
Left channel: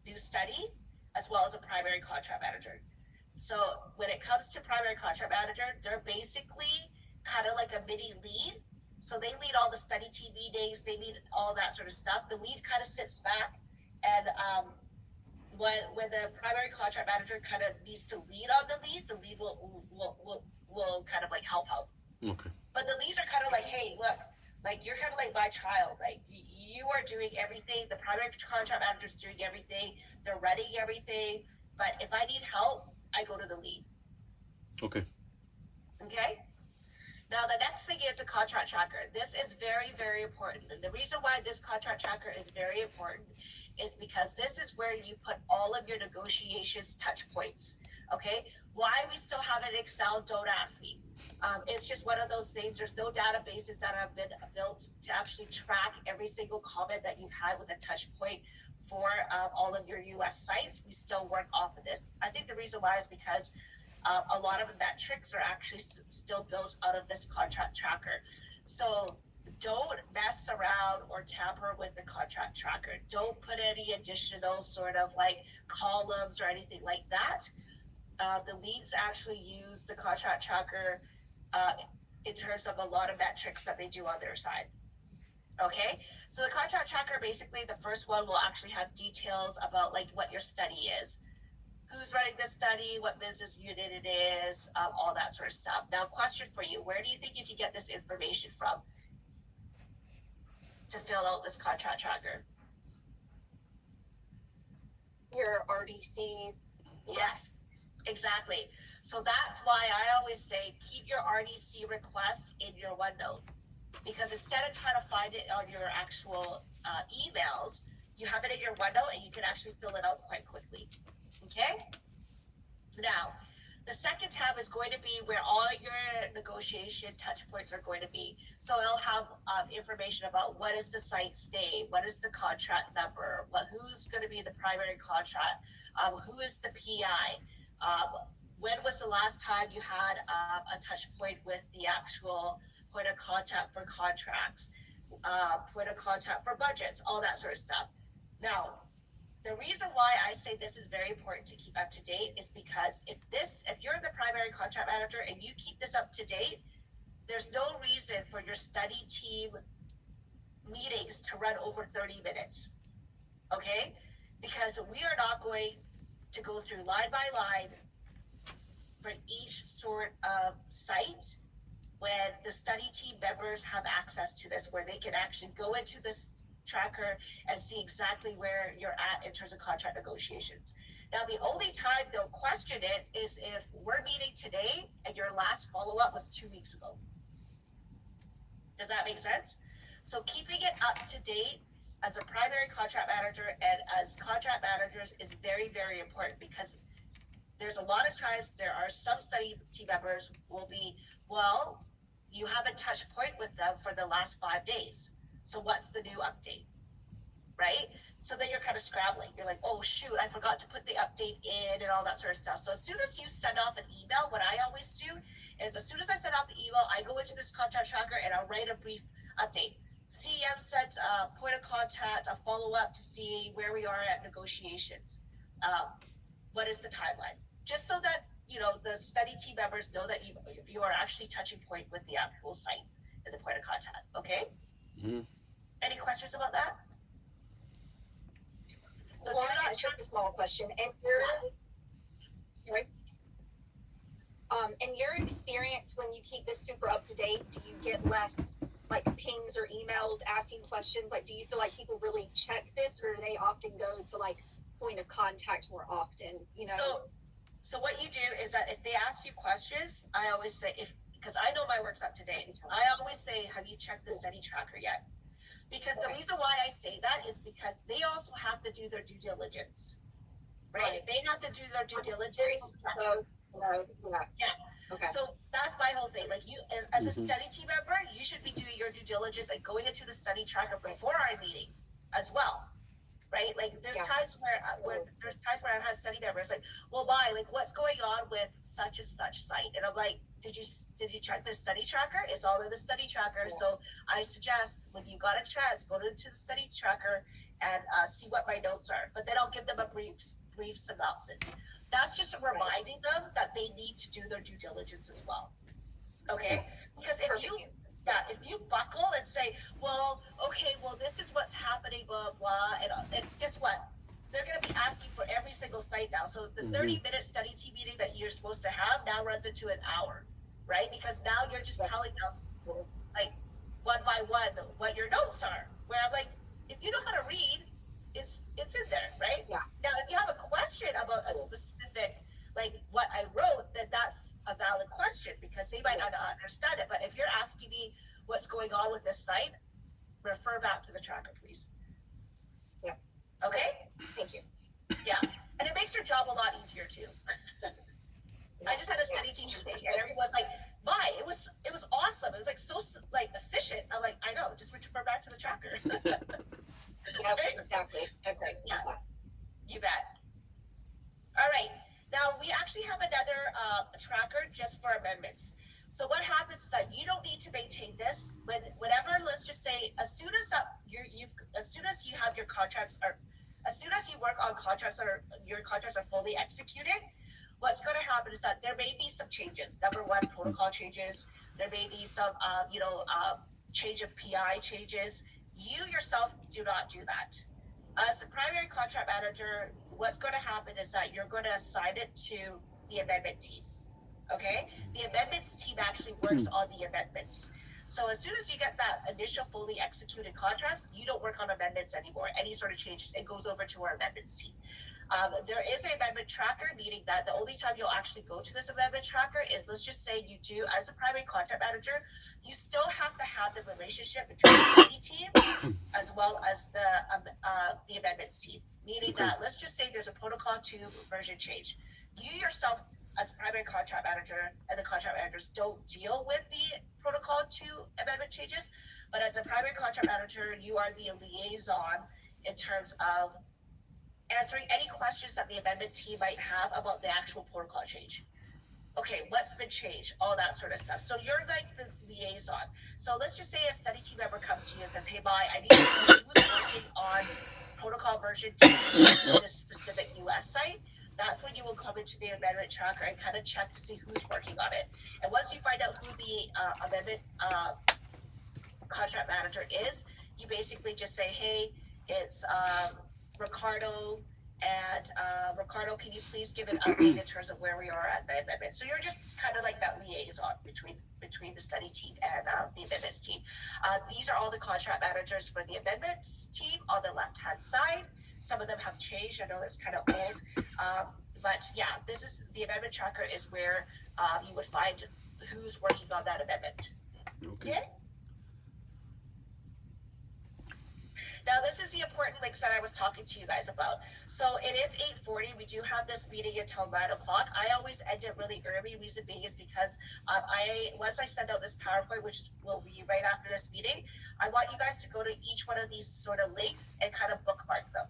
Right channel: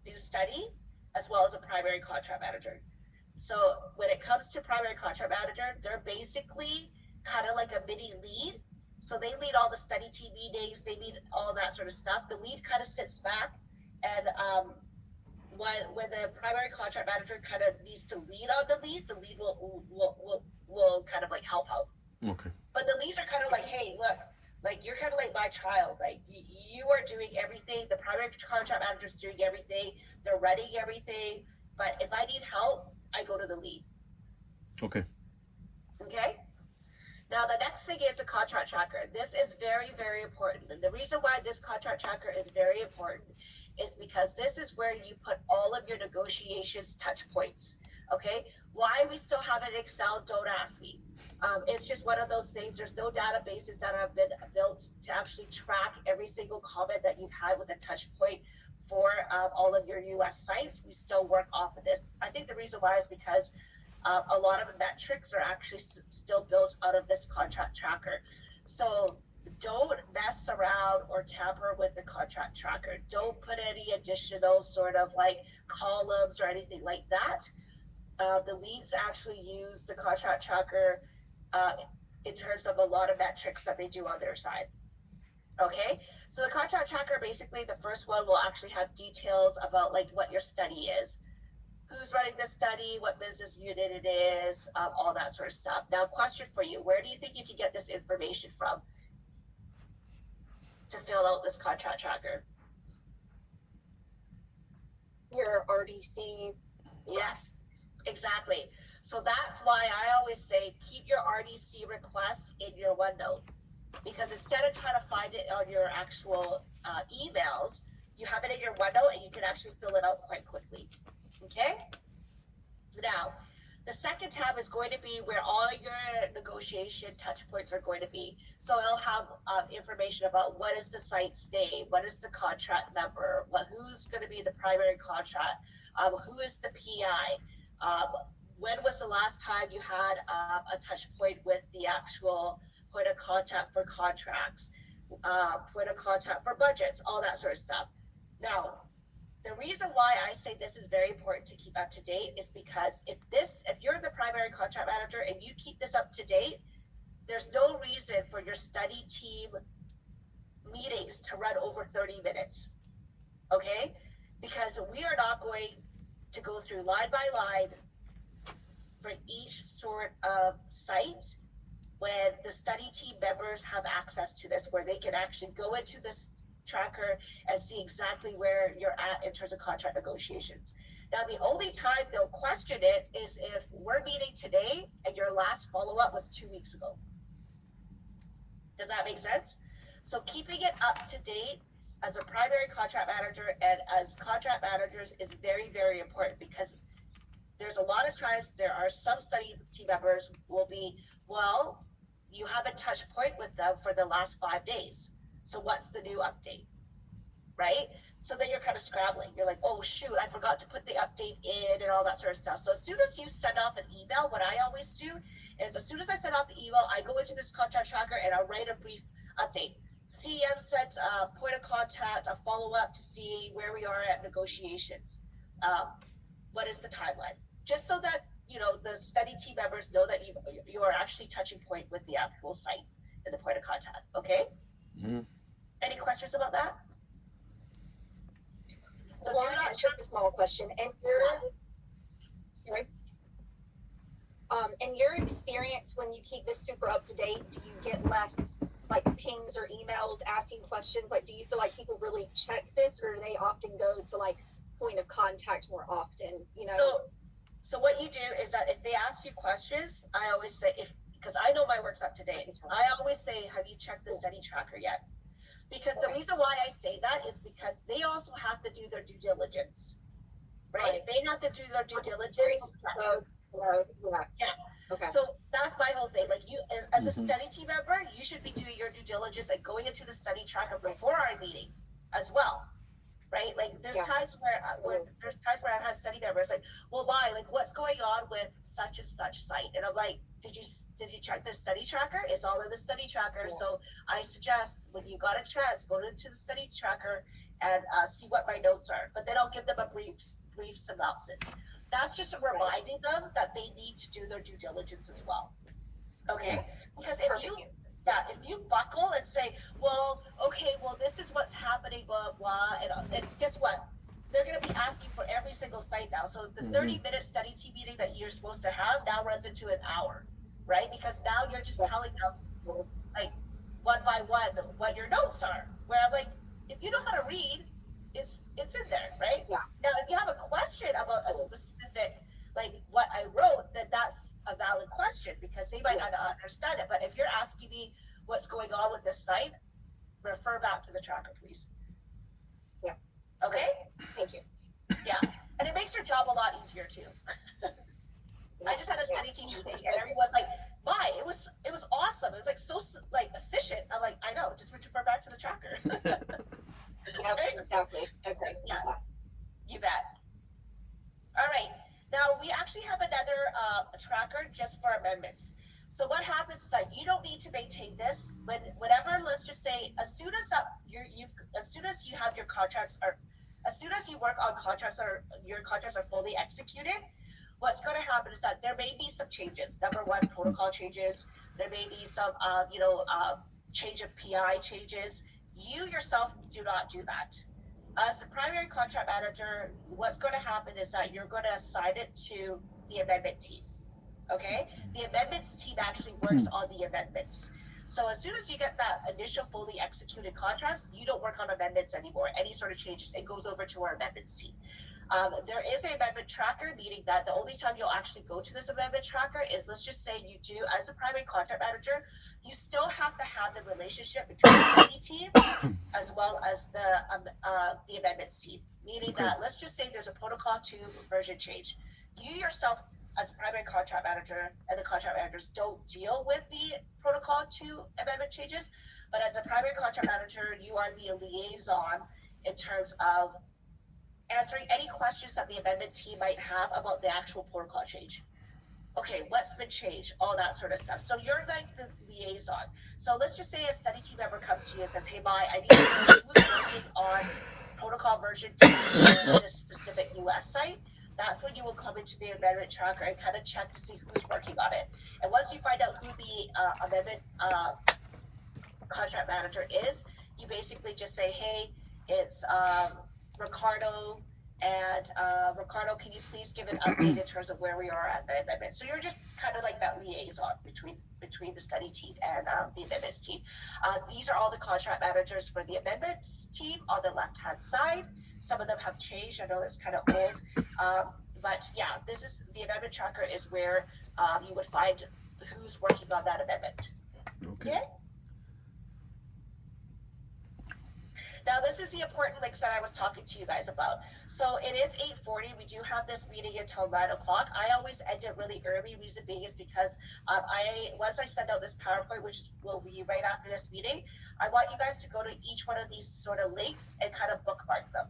new study, as well as a primary contract manager. So when it comes to primary contract manager, they're basically kind of like a mini lead. So they lead all the study team meetings, they lead all that sort of stuff. The lead kind of sits back, and when the primary contract manager kind of needs to lead on the lead will kind of like help out. Okay. But the leads are kind of like, hey, look, like you're kind of like my child. Like you are doing everything. The primary contract manager is doing everything. They're running everything. But if I need help, I go to the lead. Okay. Okay. Now the next thing is the contract tracker. This is very, very important. And the reason why this contract tracker is very important is because this is where you put all of your negotiations touch points. Okay. Why we still have an Excel, don't ask me. It's just one of those things. There's no databases that have been built to actually track every single comment that you've had with a touch point for all of your US sites. We still work off of this. I think the reason why is because a lot of the metrics are actually still built out of this contract tracker. So don't mess around or tamper with the contract tracker. Don't put any additional sort of like columns or anything like that. The leads actually use the contract tracker in terms of a lot of metrics that they do on their side. Okay, so the contract tracker, basically the first one will actually have details about like what your study is, who's running the study, what business unit it is, all that sort of stuff. Now, question for you, where do you think you can get this information from to fill out this contract tracker? Your RDC. Yes, exactly. So that's why I always say keep your RDC request in your OneNote, because instead of trying to find it on your actual emails, you have it in your OneNote and you can actually fill it out quite quickly. Okay? Now, the second tab is going to be where all your negotiation touch points are going to be. So it'll have information about what is the site's name, what is the contract number, who's going to be the primary contract, who is the PI, when was the last time you had a touch point with the actual point of contact for contracts, point of contact for budgets, all that sort of stuff. Now, the reason why I say this is very important to keep up to date is because if you're the primary contract manager and you keep this up to date, there's no reason for your study team meetings to run over 30 minutes. Okay? Because we are not going to go through line by line for each sort of site when the study team members have access to this, where they can actually go into this tracker and see exactly where you're at in terms of contract negotiations. Now, the only time they'll question it is if we're meeting today and your last follow-up was 2 weeks ago. Does that make sense? So keeping it up to date as a primary contract manager and as contract managers is very, very important, because there's a lot of times there are some study team members will be, well, you haven't touched point with them for the last 5 days. So what's the new update, right? So then you're kind of scrambling. You're like, oh, shoot, I forgot to put the update in and all that sort of stuff. So as soon as you send off an email, what I always do is as soon as I send off an email, I go into this contract tracker and I'll write a brief update. CM sent a point of contact, a follow-up to see where we are at negotiations. What is the timeline? Just so that, you know, the study team members know that you are actually touching point with the actual site in the point of contact. Okay. Mhm. Any questions about that? So One, do not it's just a small question. And your sorry. In your experience, when you keep this super up to date, do you get less like pings or emails asking questions? Like, do you feel like people really check this, or do they often go to like point of contact more often? You know. So what you do is that if they ask you questions, I always say, because I know my work's up to date, I always say, have you checked the study tracker yet? Because the reason why I say that is because they also have to do their due diligence, right? They have to do their due diligence. Yeah. Okay. So that's my whole thing. Like, you, as a Mhm. study team member, you should be doing your due diligence and going into the study tracker before our meeting as well. Right? Like, there's times where I've had study members like, well, why? Like, what's going on with such and such site? And I'm like, did you check the study tracker? It's all in the study tracker. So I suggest when you got a chance, go into the study tracker and see what my notes are. But then I'll give them a brief synopsis. That's just reminding them that they need to do their due diligence as well. Okay? Because if you buckle and say, well, okay, well, this is what's happening, blah blah, and guess what? They're going to be asking for every single site now. So the 30-minute study team meeting that you're supposed to have now runs into an hour, right? Because now you're just telling them, like, one by one what your notes are. Where I'm like, if you know how to read, it's in there, right? Yeah. Now, if you have a question about a specific, like what I wrote, then that's a valid question because they might not understand it. But if you're asking me what's going on with this site, refer back to the tracker, please. Yeah. Okay. Thank you. Yeah, and it makes your job a lot easier too. I just had a study team meeting, and everyone's like, "My, it was awesome. It was like so like efficient." I'm like, "I know. Just refer back to the tracker." Yeah, exactly. Okay. Yeah, you bet. All right. Now we actually have another tracker just for amendments. So what happens is that you don't need to maintain this. Whenever, let's just say, as soon as you have your contracts, or as soon as you work on contracts, or your contracts are fully executed, what's going to happen is that there may be some changes. Number one, protocol changes. There may be some, change of PI changes. You yourself do not do that. As the primary contract manager, what's going to happen is that you're going to assign it to the amendment team. Okay? The amendments team actually works on the amendments. So as soon as you get that initial fully executed contracts, you don't work on amendments anymore. Any sort of changes, it goes over to our amendments team. There is an amendment tracker, meaning that the only time you'll actually go to this amendment tracker is, let's just say you do, as a primary contract manager, you still have to have the relationship between the study team as well as the amendments team. Meaning that, let's just say there's a protocol 2 version change. You yourself, as primary contract manager, and the contract managers don't deal with the protocol 2 amendment changes, but as a primary contract manager, you are the liaison in terms of answering any questions that the amendment team might have about the actual protocol change. Okay, what's been changed, all that sort of stuff. So you're like the liaison. So let's just say a study team member comes to you and says, hey, Mai, I need to know who's working on protocol version 2 for this specific US site. That's when you will come into the amendment tracker and kind of check to see who's working on it. And once you find out who the amendment contract manager is, you basically just say, hey, it's Ricardo, and Ricardo, can you please give an update in terms of where we are at the amendment? So you're just kind of like that liaison between the study team and the amendments team. These are all the contract managers for the amendments team on the left-hand side. Some of them have changed. I know that's kind of old. But yeah, this is the amendment tracker is where you would find who's working on that amendment. Okay? Now, this is the important links that I was talking to you guys about. So it is 8:40. We do have this meeting until 9 o'clock. I always end it really early. Reason being is because once I send out this PowerPoint, which will be right after this meeting, I want you guys to go to each one of these sort of links and kind of bookmark them.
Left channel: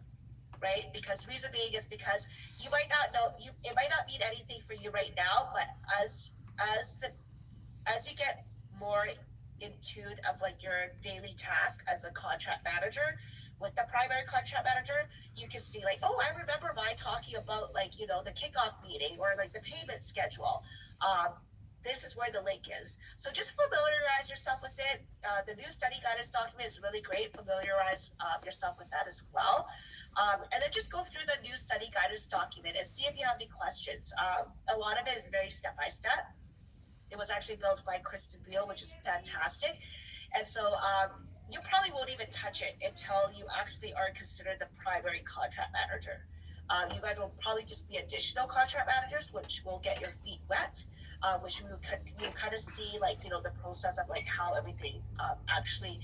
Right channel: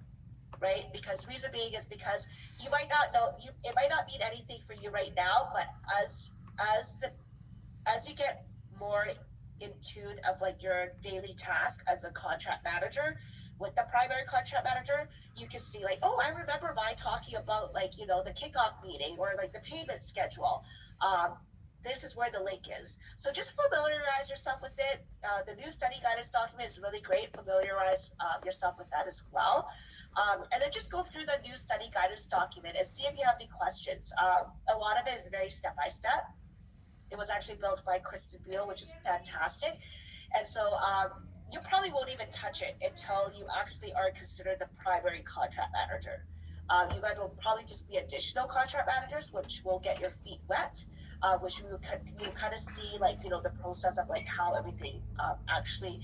Right? Because reason being is because you might not know, it might not mean anything for you right now, but as you get more in tune of like your daily task as a contract manager with the primary contract manager, you can see like, oh, I remember Mai talking about like, the kickoff meeting or like the payment schedule. this is where the link is. So just familiarize yourself with it. The new study guidance document is really great. Familiarize yourself with that as well. And then just go through the new study guidance document and see if you have any questions. A lot of it is very step by step. It was actually built by Kristen Beal, which is fantastic. And so you probably won't even touch it until you actually are considered the primary contract manager. You guys will probably just be additional contract managers, which will get your feet wet, which you kind of see like the process of like how everything actually